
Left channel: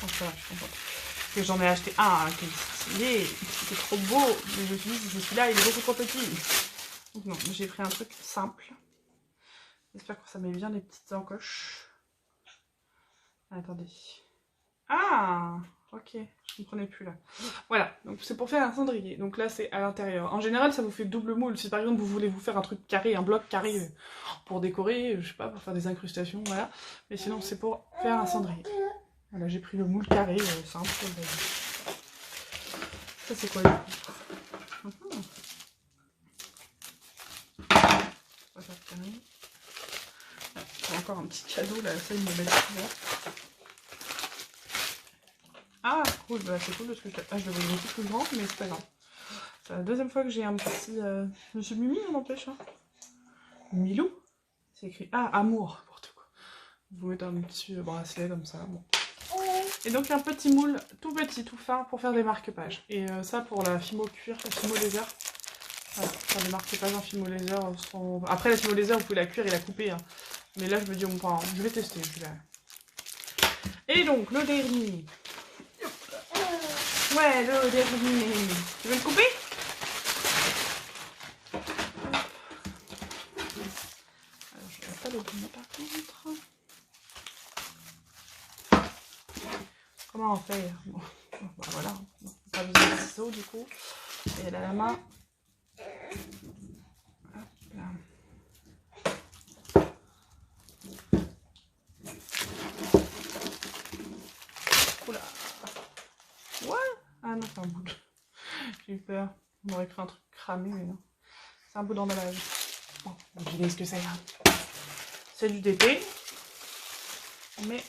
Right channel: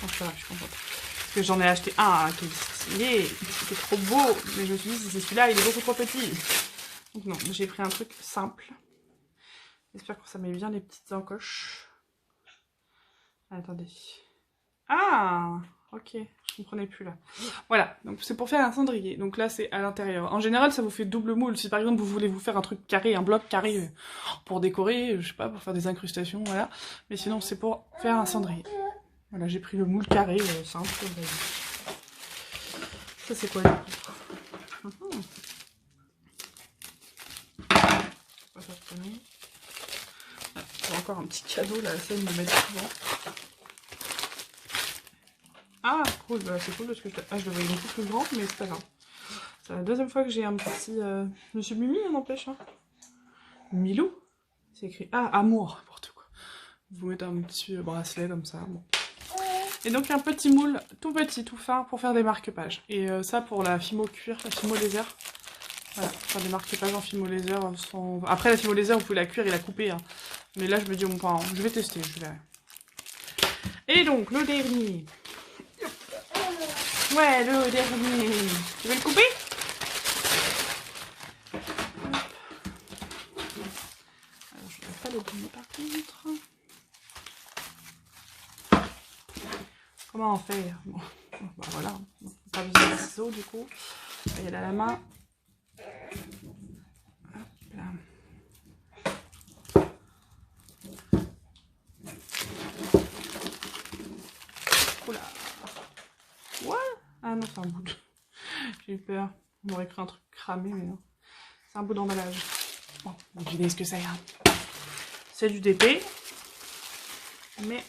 Donc ça, je suis contente. Parce que j'en ai acheté un qui était trop beau, mais je me suis dit, si c'est celui-là, il est beaucoup trop petit. Donc non, j'ai pris un truc simple. J'espère que ça met bien les petites encoches. Attendez. Ah, Ok, je comprenais plus là. Voilà, donc c'est pour faire un cendrier. Donc là, c'est à l'intérieur. En général, ça vous fait double moule. Si par exemple, vous voulez vous faire un truc carré, un bloc carré pour décorer, je sais pas, pour faire des incrustations, voilà. Mais sinon, c'est pour faire un cendrier. Voilà, j'ai pris le moule carré, simple. Ça, c'est quoi là? On va faire tourner. Encore un petit cadeau, là, ça, ils me mettent souvent. Ah, cool, bah, c'est cool parce que je le voyais beaucoup plus grand, mais c'est pas grave. C'est la deuxième fois que j'ai un petit... Monsieur Mimi, on n'empêche, hein. Milou. C'est écrit... Ah, amour, n'importe quoi. Vous mettez un petit bracelet comme ça, bon. Et donc un petit moule, tout petit, tout fin, pour faire des marque-pages. Et ça, pour la fimo cuir, la fimo laser. Voilà, faire des marque-pages en fimo laser. Après, la fimo laser, vous pouvez la cuire et la couper, hein. Mais là, je me dis, bon, je vais tester. Et donc, le dernier... Ouais, le dernier. Tu veux le couper? Alors, je vais pas le prendre par contre. Comment on fait? Bon, voilà. Pas besoin de ciseaux du coup. Et là, la main. Hop là. Oula. Ouais. Ah non, c'est un bout de... J'ai eu peur. On aurait cru un truc cramé, mais non. C'est un bout d'emballage. Bon, vous devinez ce que c'est. Hein. C'est du DP. Mais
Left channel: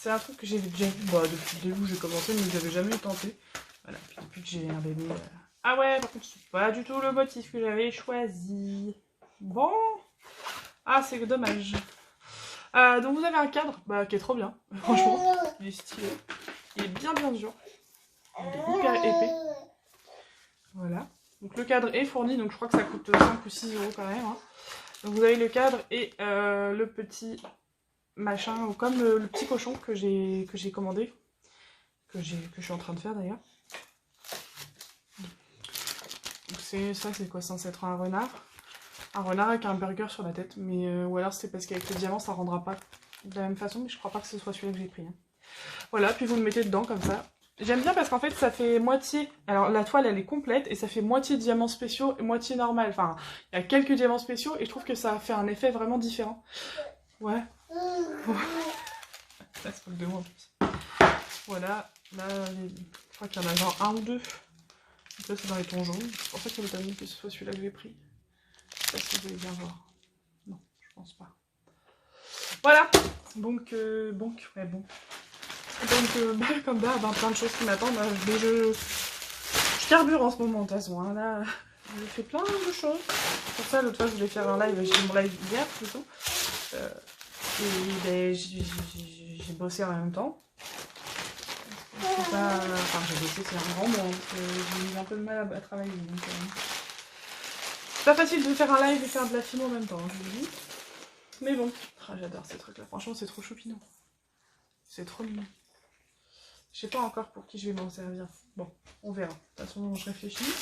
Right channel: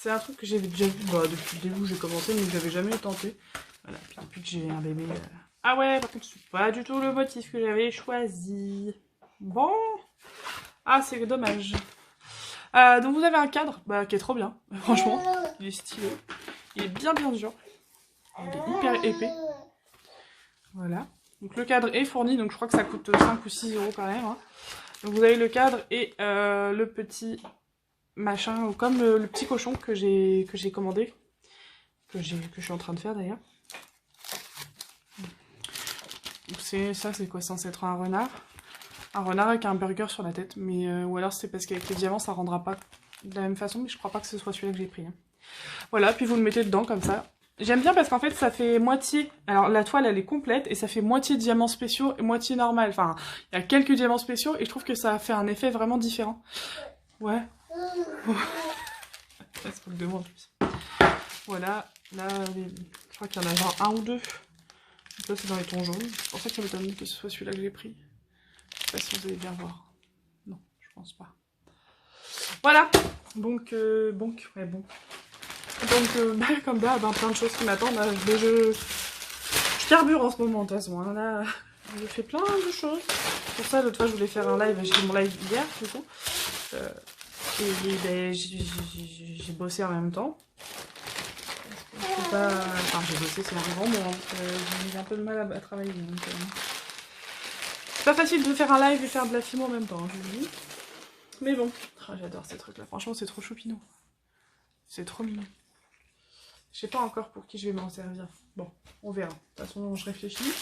c'est un truc que j'ai déjà vu depuis le début où j'ai commencé, mais j'avais jamais tenté. Voilà, puis depuis que j'ai un bébé... Ah ouais, par contre, c'est pas du tout le motif que j'avais choisi. Bon. Ah, c'est dommage. Donc vous avez un cadre qui est trop bien. Franchement, il est stylé. Il est bien dur. Il est hyper épais. Voilà. Donc le cadre est fourni, donc je crois que ça coûte 5 ou 6 € quand même. Hein. Donc vous avez le cadre et le petit machin, comme le petit cochon que j'ai commandé. Que je suis en train de faire d'ailleurs. Donc ça c'est quoi, censé être un renard. Un renard avec un burger sur la tête, mais ou alors c'est parce qu'avec les diamants ça rendra pas de la même façon, mais je crois pas que ce soit celui-là que j'ai pris. Hein. Voilà, puis vous le mettez dedans comme ça. J'aime bien parce qu'en fait ça fait moitié, alors la toile elle est complète et ça fait moitié diamants spéciaux et moitié normal. Enfin, il y a quelques diamants spéciaux et je trouve que ça fait un effet vraiment différent. Ouais. Ça se trouve de moi en plus. Voilà, là je crois qu'il y en a genre un ou deux. Donc là c'est dans les tons jaunes, c'est pour ça que ça m'étonne que ce soit celui-là que j'ai pris. Je sais pas si vous allez bien voir. Non, je pense pas. Voilà. Donc, ouais, bon. Donc, comme d'hab, plein de choses qui m'attendent. Je carbure en ce moment, de toute façon. Hein. Là, je fais plein de choses. Pour ça, l'autre fois, je voulais faire un live. J'ai fait mon live hier, du coup. Et ben, j'ai bossé en même temps. Je sais pas... Enfin, j'ai bossé, c'est un grand mot. Hein. J'ai un peu de mal à travailler. Donc, c'est pas facile de faire un live et faire de la film en même temps, hein, je vous le dis. Mais bon, oh, j'adore ces trucs-là. Franchement, c'est trop choupinou. C'est trop mignon. Je sais pas encore pour qui je vais m'en servir. Bon, on verra. De toute façon, je réfléchis.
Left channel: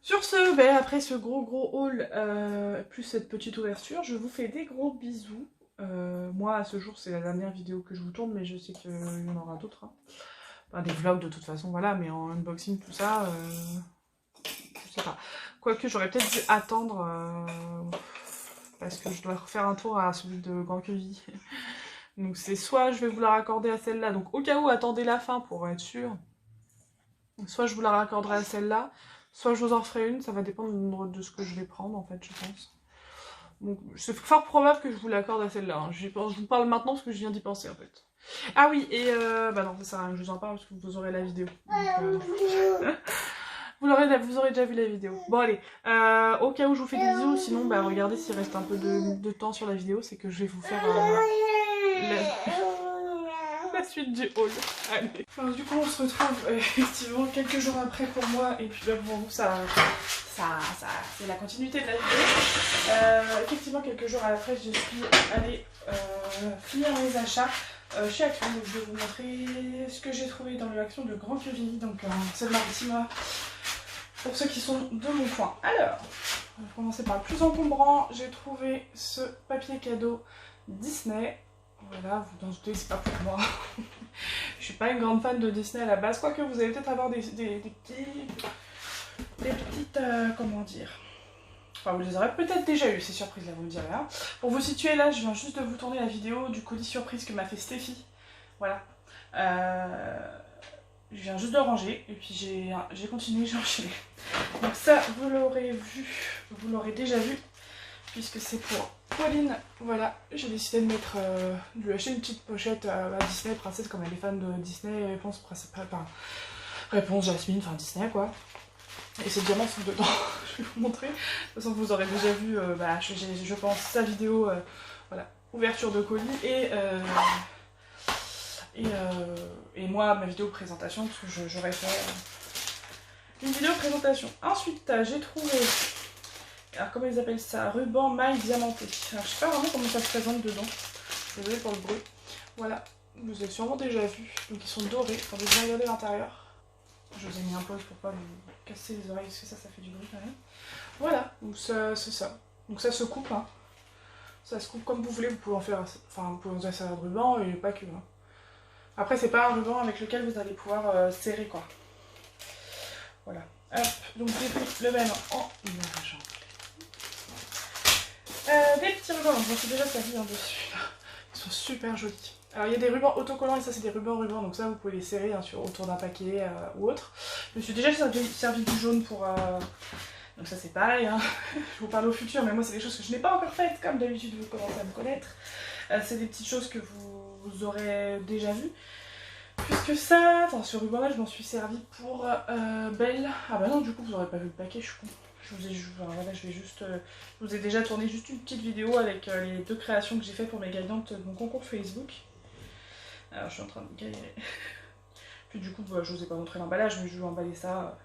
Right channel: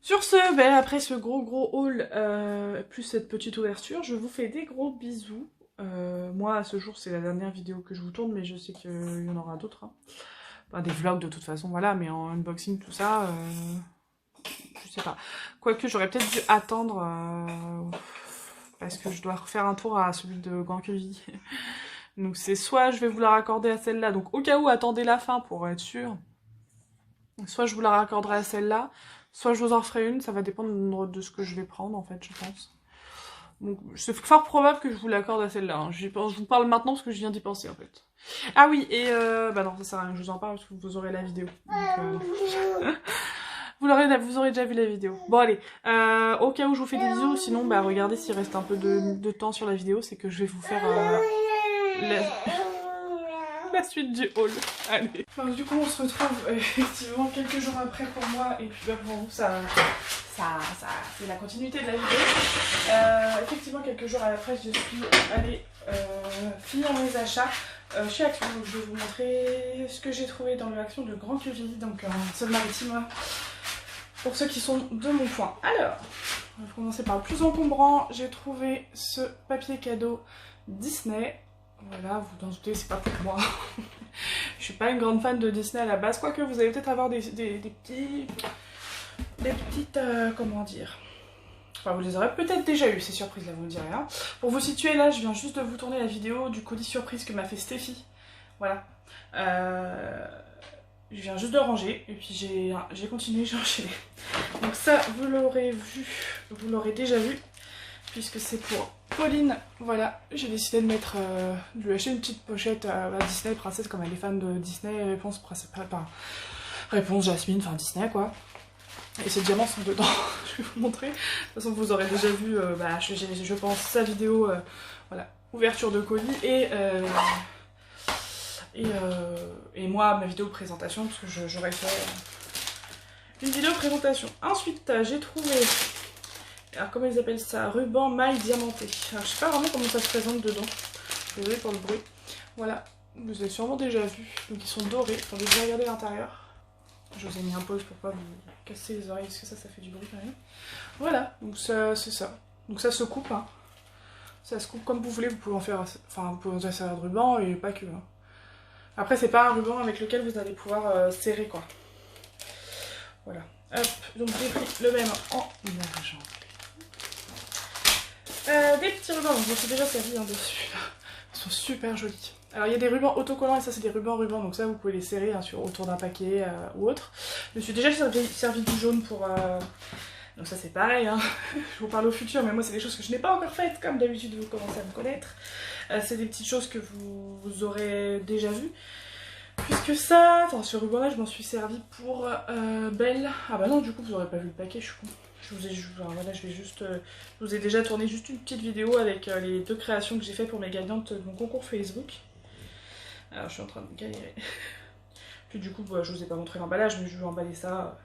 Sur ce, ben, après ce gros haul, plus cette petite ouverture, je vous fais des gros bisous. Moi, à ce jour, c'est la dernière vidéo que je vous tourne, mais je sais qu'il y en aura d'autres. Hein. Enfin, des vlogs de toute façon, voilà, mais en unboxing, tout ça, je sais pas. Quoique, j'aurais peut-être dû attendre, parce que je dois refaire un tour à celui de Grand Quevilly. Donc c'est soit je vais vous la raccorder à celle-là, donc au cas où, attendez la fin pour être sûr. Soit je vous la raccorderai à celle-là, soit je vous en ferai une, ça va dépendre de ce que je vais prendre en fait, je pense. Donc c'est fort probable que je vous l'accorde à celle-là. Hein. Je vous parle maintenant parce que je viens d'y penser en fait. Ah oui, et bah non, ça sert à rien que je vous en parle parce que vous aurez la vidéo. Donc, vous aurez déjà vu la vidéo. Bon allez, au cas où je vous fais des bisous, sinon bah regardez s'il reste un peu de temps sur la vidéo, c'est que je vais vous faire la suite du haul. Allez. Enfin, du coup on se retrouve effectivement quelques jours après pour moi et puis pour vous ça c'est la continuité de la vidéo. Effectivement quelques jours après je suis allée finir mes achats chez Action. Donc je vais vous montrer ce que j'ai trouvé dans le Action de Grand Quevilly, donc Seine-Maritime. Pour ceux qui sont de mon coin. Alors, on va commencer par le plus encombrant. J'ai trouvé ce papier cadeau Disney. Voilà, vous en doutez, c'est pas pour moi. Je suis pas une grande fan de Disney à la base, quoique vous allez peut-être avoir des petites, comment dire, enfin vous les aurez peut-être déjà eu ces surprises là, vous me direz. Hein. Pour vous situer là, je viens juste de vous tourner la vidéo du colis surprise que m'a fait Stéphie. Voilà. Je viens juste de ranger et puis j'ai continué, j'ai enchaîné. Donc ça, vous l'aurez vu, vous l'aurez déjà vu, puisque c'est pour Pauline. Voilà, j'ai décidé de mettre, de lui acheter une petite pochette à Disney, princesse, comme elle est fan de Disney, réponse principale, enfin, réponse Jasmine, enfin Disney quoi. Et ces diamants sont dedans, je vais vous montrer. De toute façon, vous aurez déjà vu, je pense, sa vidéo, voilà, ouverture de colis et moi, ma vidéo de présentation, parce que j'aurais fait une vidéo de présentation. Ensuite, j'ai trouvé, alors comment ils appellent ça, ruban maille diamanté. Alors, je sais pas vraiment comment ça se présente dedans. Désolée pour le bruit. Voilà, vous avez sûrement déjà vu. Donc, ils sont dorés. Attendez, je vais regarder l'intérieur. Je vous ai mis un pause pour pas vous casser les oreilles, parce que ça fait du bruit quand même. Voilà, donc c'est ça. Donc ça se coupe, hein. Ça se coupe comme vous voulez, vous pouvez en faire, enfin, vous pouvez en faire de ruban et pas que. Hein. Après, c'est pas un ruban avec lequel vous allez pouvoir serrer, quoi. Voilà. Hop, donc j'ai pris le même en argent. Des petits rubans, je m'en suis déjà servi hein, dessus, là. Ils sont super jolis. Alors il y a des rubans autocollants et ça c'est des rubans, donc ça vous pouvez les serrer hein, autour d'un paquet ou autre. Je me suis déjà servi du jaune pour... Donc ça c'est pareil, hein. Je vous parle au futur, mais moi c'est des choses que je n'ai pas encore faites, comme d'habitude vous commencez à me connaître. C'est des petites choses que vous aurez déjà vues. Puisque ça, enfin ce ruban là je m'en suis servi pour Belle. Ah bah non du coup vous n'aurez pas vu le paquet, je suis con. Je vous ai déjà tourné juste une petite vidéo avec les 2 créations que j'ai fait pour mes gagnantes de mon concours Facebook. Alors je suis en train de galérer. Puis du coup je vous ai pas montré l'emballage, mais je vais emballer ça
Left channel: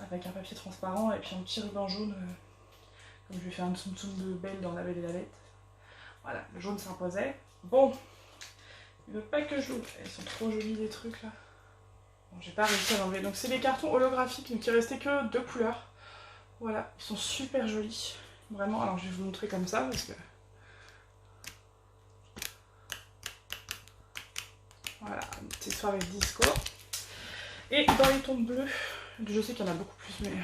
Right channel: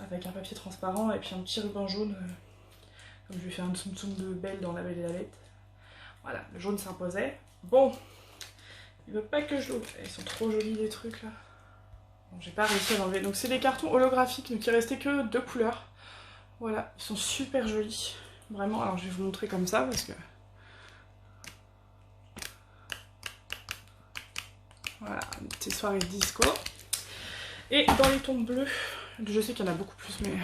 avec un papier transparent et puis un petit ruban jaune. Comme je lui ai fait un tsum tsum de Belle dans La Belle et la Bête. Voilà, le jaune s'imposait. Bon, il veut pas que je l'ouvre. Ils sont trop jolis les trucs là. Bon, j'ai pas réussi à l'enlever. Donc c'est des cartons holographiques, donc il restait que 2 couleurs. Voilà, ils sont super jolis. Vraiment, alors je vais vous montrer comme ça parce que... Voilà, une petite soirée disco. Et dans les tons bleus, je sais qu'il y en a beaucoup plus, mais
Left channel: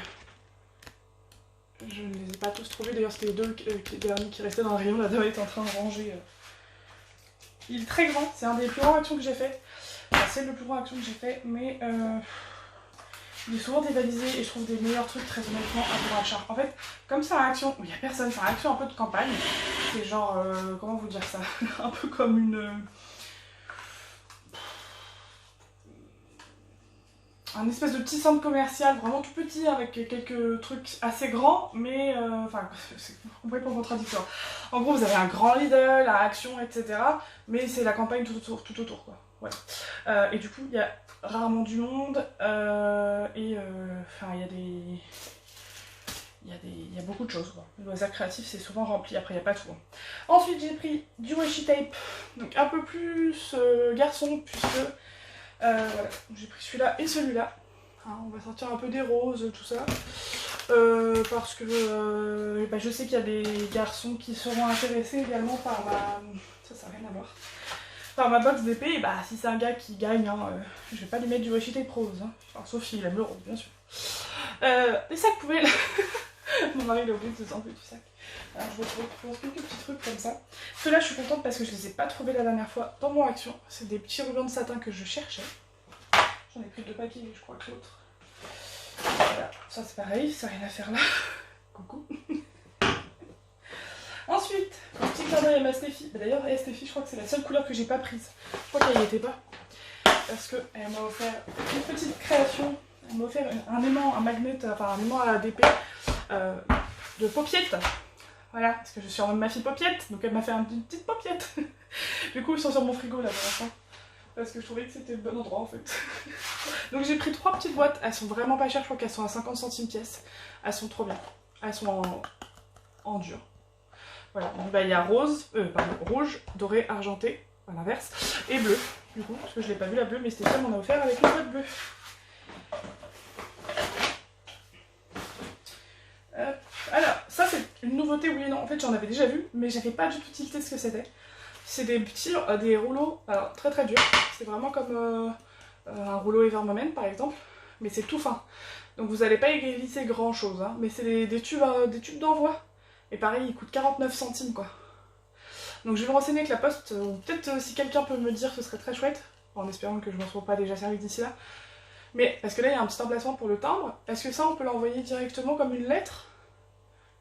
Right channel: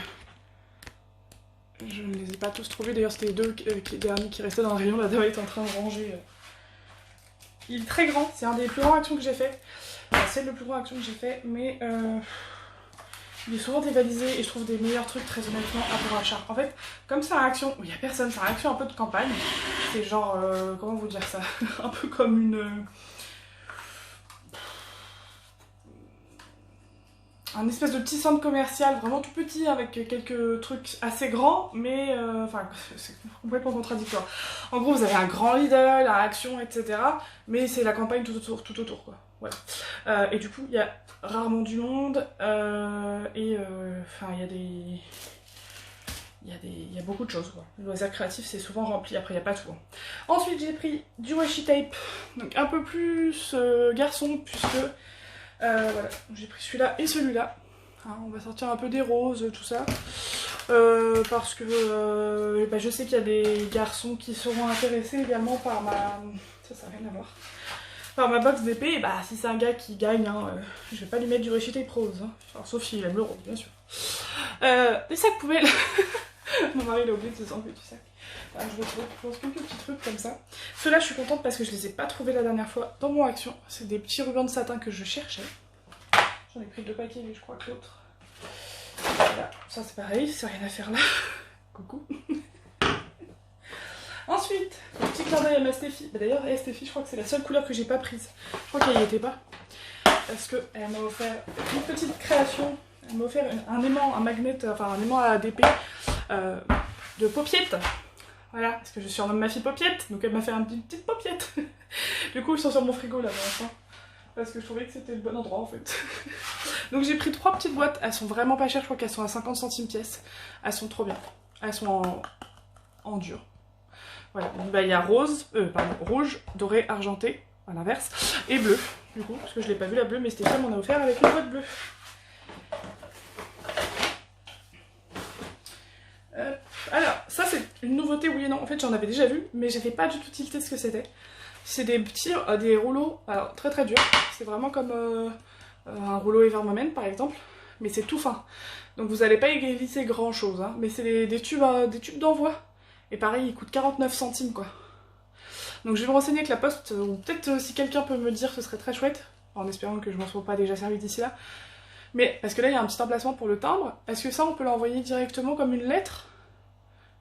je ne les ai pas tous trouvés. D'ailleurs, c'était les 2 derniers qui restaient dans le rayon. La dame est en train de ranger. Il est très grand, c'est un des plus grands actions que j'ai fait. C'est le plus grand action que j'ai fait, mais il est souvent dévalisé et je trouve des meilleurs trucs très honnêtement à bon achat. En fait, comme c'est un action où il n'y a personne, c'est un action un peu de campagne. C'est genre, comment vous dire ça, un peu comme une... un espèce de petit centre commercial vraiment tout petit avec quelques trucs assez grands, mais enfin c'est complètement contradictoire. En gros, vous avez un grand Lidl, un Action, etc. Mais c'est la campagne tout autour quoi. Voilà. Et du coup, il y a rarement du monde enfin il y a beaucoup de choses quoi. Le loisir créatif c'est souvent rempli, après il n'y a pas tout. Hein. Ensuite j'ai pris du washi tape, donc un peu plus garçon puisque voilà, j'ai pris celui-là et celui-là. Hein, on va sortir un peu des roses, tout ça. Parce que je sais qu'il y a des garçons qui seront intéressés également par ma... Ça n'a rien à voir. Par ma box d'épée, et bah si c'est un gars qui gagne, hein, je vais pas lui mettre du washi tape rose. Hein. Enfin, sauf s'il aime le rose, bien sûr. Les sacs poubelles. Mon mari il a oublié de se s'enlever du sac. Alors je vais trouver quelques petits trucs comme ça. Ceux-là je suis contente parce que je les ai pas trouvés la dernière fois dans mon action. C'est des petits rubans de satin que je cherchais. J'en ai pris 2 paquets mais je crois que l'autre. Voilà, ça c'est pareil, c'est rien à faire là. Coucou. Ensuite, un petit clin d'œil à ma Stéphie. D'ailleurs, Stéphie, je crois que c'est la seule couleur que j'ai pas prise. Je crois qu'elle n'y était pas. Parce qu'elle m'a offert une petite création. Elle m'a offert un aimant, un magnet, enfin un aimant à DP de paupiette. Voilà, parce que je surnomme ma fille Paupiette, donc elle m'a fait une petite paupiette. Du coup, ils sont sur mon frigo là pour l'instant. Parce que je trouvais que c'était le bon endroit en fait. Donc j'ai pris 3 petites boîtes, elles sont vraiment pas chères, je crois qu'elles sont à 50 centimes pièce. Elles sont trop bien. Elles sont en dur. Voilà, donc bah, il y a rouge, doré, argenté, à l'inverse, et bleu, du coup, parce que je l'ai pas vu la bleue, mais Stéphane m'en a offert avec une boîte bleue. Alors, ça c'est une nouveauté, oui et non. En fait, j'en avais déjà vu, mais j'avais pas du tout tilté ce que c'était. C'est des petits, des rouleaux, alors très très durs. C'est vraiment comme un rouleau Evermoment par exemple, mais c'est tout fin. Donc vous n'allez pas y glisser grand chose, hein. Mais c'est des tubes d'envoi. Et pareil, ils coûtent 49 centimes quoi. Donc je vais me renseigner avec la poste, ou peut-être si quelqu'un peut me dire ce serait très chouette, en espérant que je m'en sois pas déjà servi d'ici là. Mais parce que là il y a un petit emplacement pour le timbre, est-ce que ça on peut l'envoyer directement comme une lettre?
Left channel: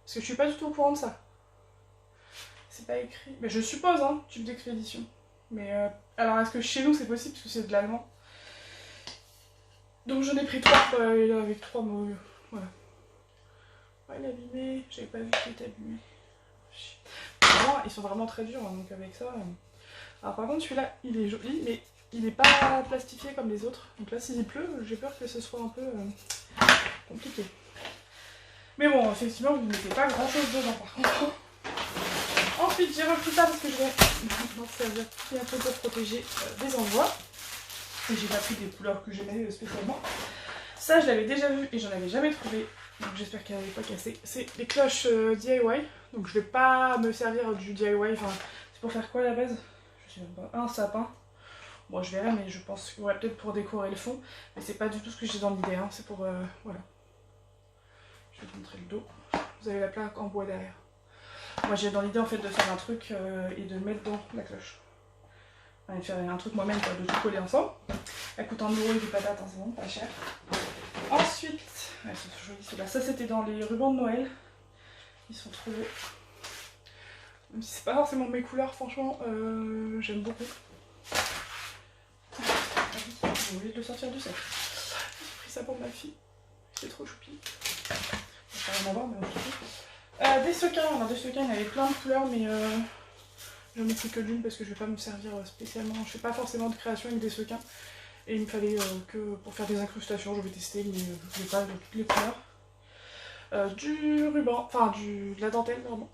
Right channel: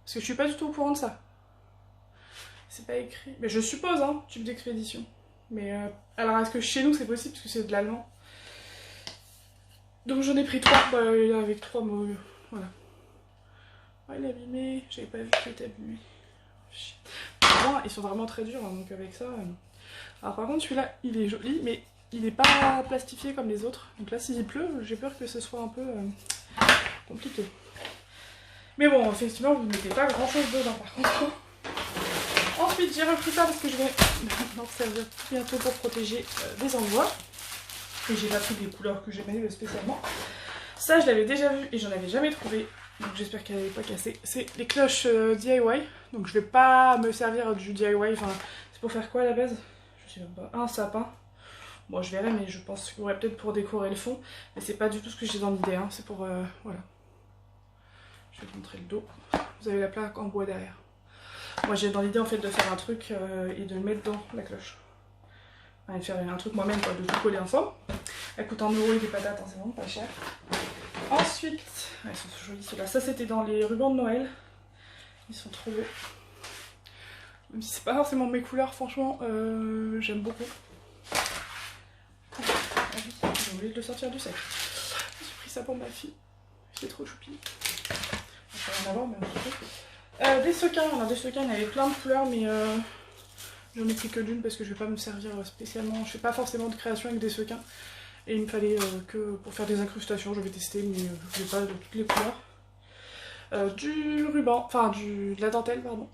Parce que je suis pas du tout au courant de ça. C'est pas écrit. Mais je suppose, hein, tube d'expédition. Mais alors est-ce que chez nous c'est possible parce que c'est de l'allemand? Donc j'en ai pris 3 avec 3 mots. Voilà. Ouais, il est abîmé. J'avais pas vu qu'il était abîmé. Ils sont vraiment très durs, hein, donc avec ça. Alors par contre celui-là il est joli, mais il n'est pas plastifié comme les autres. Donc là s'il pleut, j'ai peur que ce soit un peu compliqué. Mais bon, effectivement, vous ne mettez pas grand chose dedans par contre. Ensuite, j'ai repris ça parce que je vais m'en servir bientôt pour protéger des envois. Et j'ai pas pris des couleurs que j'aimais spécialement. Ça, je l'avais déjà vu et j'en avais jamais trouvé. Donc j'espère qu'elle n'avait pas cassé. C'est les cloches DIY. Donc je vais pas me servir du DIY. Enfin, c'est pour faire quoi à la base? Je sais même pas. Un sapin. Bon, je verrai, mais je pense qu'il y aurait peut-être pour décorer le fond. Mais c'est pas du tout ce que j'ai dans l'idée. Hein. C'est pour. Voilà. Je vais vous montrer le dos. Vous avez la plaque en bois derrière. Moi j'ai dans l'idée en fait de faire un truc et de mettre dans la cloche. Enfin, de faire un truc moi-même, de tout coller ensemble. Elle coûte 1 € des patates, hein, c'est vraiment pas cher. Ensuite, elles sont jolies ceux-là. Ça c'était dans les rubans de Noël. Ils sont trop beaux. Même si c'est pas forcément mes couleurs, franchement, j'aime beaucoup. J'ai oublié de le sortir du sac. J'ai pris ça pour ma fille. C'est trop choupi. Je vais rien avoir, mais on se retrouve. Des sequins, on a des sequins, il y avait plein de couleurs, mais je n'en ai pris que d'une parce que je vais pas me servir spécialement. Je fais pas forcément de création avec des sequins. Et il me fallait que pour faire des incrustations, je vais tester, mais je n'ai pas de toutes les couleurs. Du ruban, enfin de la dentelle, pardon.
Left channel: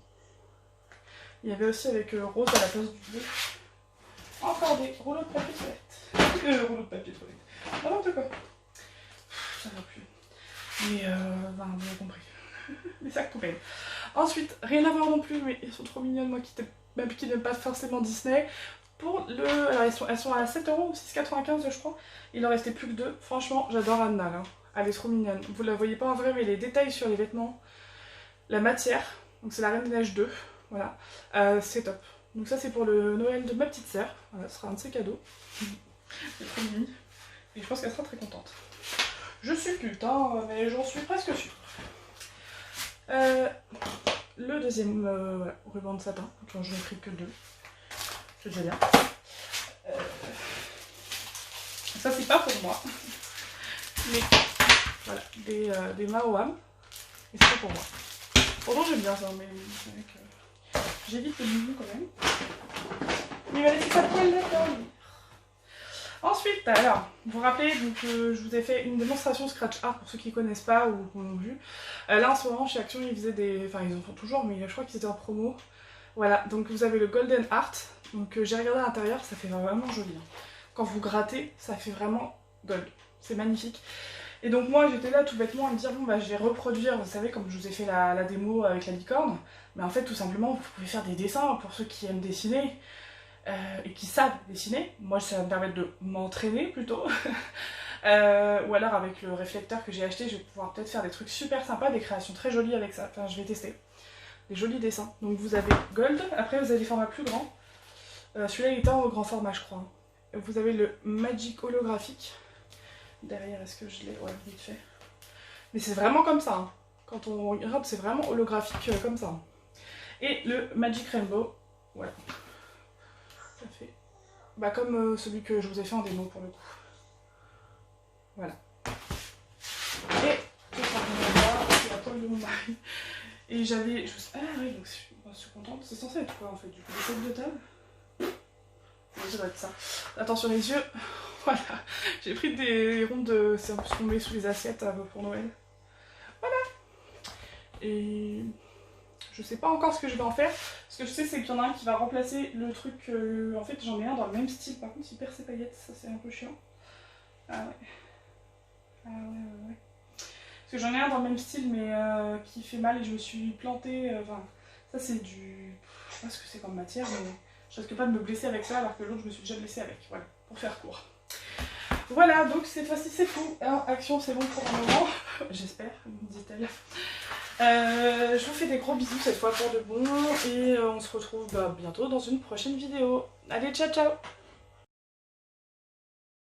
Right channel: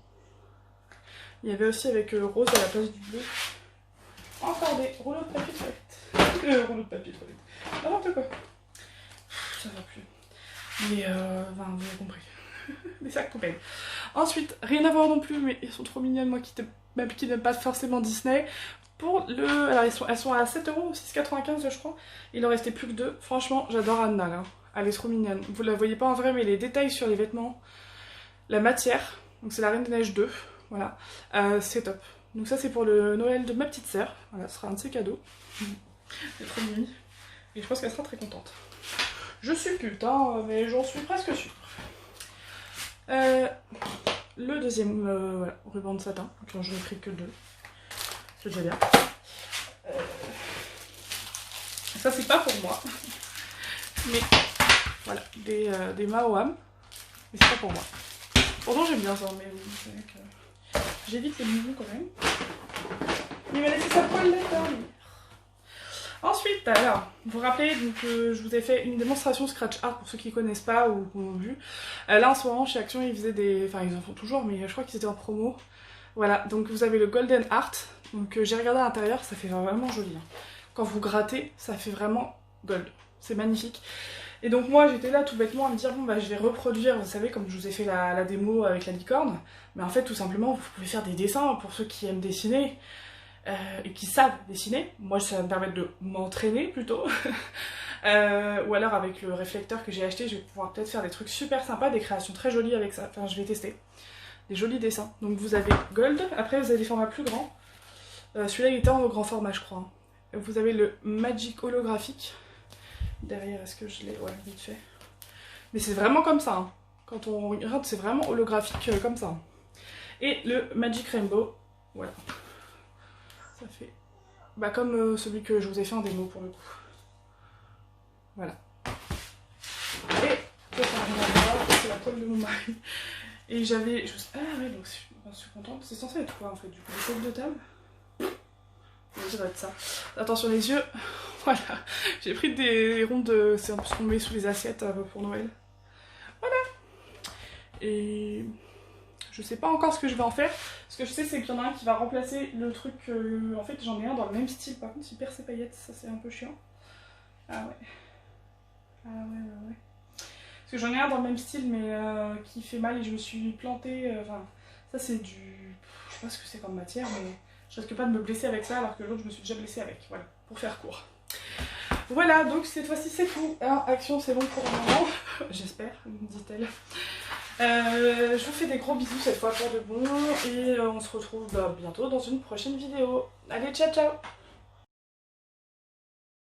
Il y avait aussi avec rose à la place du bleu. Encore des rouleaux de papier toilette. Rouleaux de papier toilette. N'importe quoi. Ça va plus. Mais enfin, vous avez compris. Des sacs poubelles. Ensuite, rien à voir non plus, mais elles sont trop mignonnes, moi qui n'aime pas forcément Disney. Pour le. Alors, elles sont à 7 €, 6,95 je crois. Il en restait plus que 2. Franchement, j'adore Anna là. Elle est trop mignonne. Vous la voyez pas en vrai, mais les détails sur les vêtements, la matière, donc c'est la Reine des Neiges 2. Voilà. C'est top. Donc, ça, c'est pour le Noël de ma petite sœur. Voilà, ce sera un de ses cadeaux. C'est trop mignon. Et je pense qu'elle sera très contente. Je suppute, hein, mais j'en suis presque sûre. Le deuxième voilà, ruban de satin, dont je n'ai pris que 2. C'est déjà bien. Ça c'est pas pour moi. Mais voilà, des Maoam. Mais c'est pas pour moi. Pourtant j'aime bien ça, mais c'est vrai que j'évite les mouvements quand même. Il m'a laissé sa poêle de dormir. Ensuite, alors, vous vous rappelez, donc, je vous ai fait une démonstration Scratch Art pour ceux qui ne connaissent pas ou qui l'ont vu. Là en ce moment, chez Action, ils faisaient des. Enfin, ils en font toujours, mais je crois qu'ils étaient en promo. Voilà, donc vous avez le Golden Art. Donc j'ai regardé à l'intérieur, ça fait vraiment joli. Quand vous grattez, ça fait vraiment gold. C'est magnifique. Et donc moi, j'étais là tout bêtement à me dire, bon, bah je vais reproduire, vous savez, comme je vous ai fait la démo avec la licorne. Mais en fait, tout simplement, vous pouvez faire des dessins pour ceux qui aiment dessiner. Et qui savent dessiner. Moi, ça va me permettre de m'entraîner plutôt. Ou alors avec le réflecteur que j'ai acheté, je vais pouvoir peut-être faire des trucs super sympas, des créations très jolies avec ça. Enfin, je vais tester. Des jolis dessins. Donc vous avez Gold, après vous avez des formats plus grands. Celui-là, il était en grand format, je crois. Vous avez le Magic holographique. Derrière, est-ce que je l'ai? Ouais, vite fait. Mais c'est vraiment comme ça. Hein. Quand on regarde, c'est vraiment holographique comme ça. Et le Magic Rainbow. Voilà. Ça fait bah, comme celui que je vous ai fait en démo pour le coup. Voilà. Et c'est la toile de mon mari. Et j'avais. Ah ouais, donc je suis contente. C'est censé être quoi en fait? Du coup, des têtes de table. Oui, ça doit être ça. Attention les yeux. Voilà. J'ai pris des ronds de. C'est un peu ce qu'on met sous les assiettes pour Noël. Voilà. Et. Je sais pas encore ce que je vais en faire. Ce que je sais, c'est qu'il y en a un qui va remplacer le truc. En fait, j'en ai un dans le même style. Par contre, il perd ses paillettes. Ça, c'est un peu chiant. Ah ouais. Ah ouais. Parce que j'en ai un dans le même style, mais qui fait mal et je me suis plantée. Enfin, ça, c'est du. Je sais pas ce que c'est comme matière, mais Je risque pas de me blesser avec ça alors que l'autre je me suis déjà blessée avec, voilà, pour faire court. Voilà, donc cette fois-ci c'est tout, hein, action c'est bon pour le moment, j'espère, dit-elle. Je vous fais des gros bisous cette fois pour de bon et on se retrouve bientôt dans une prochaine vidéo. Allez, ciao ciao!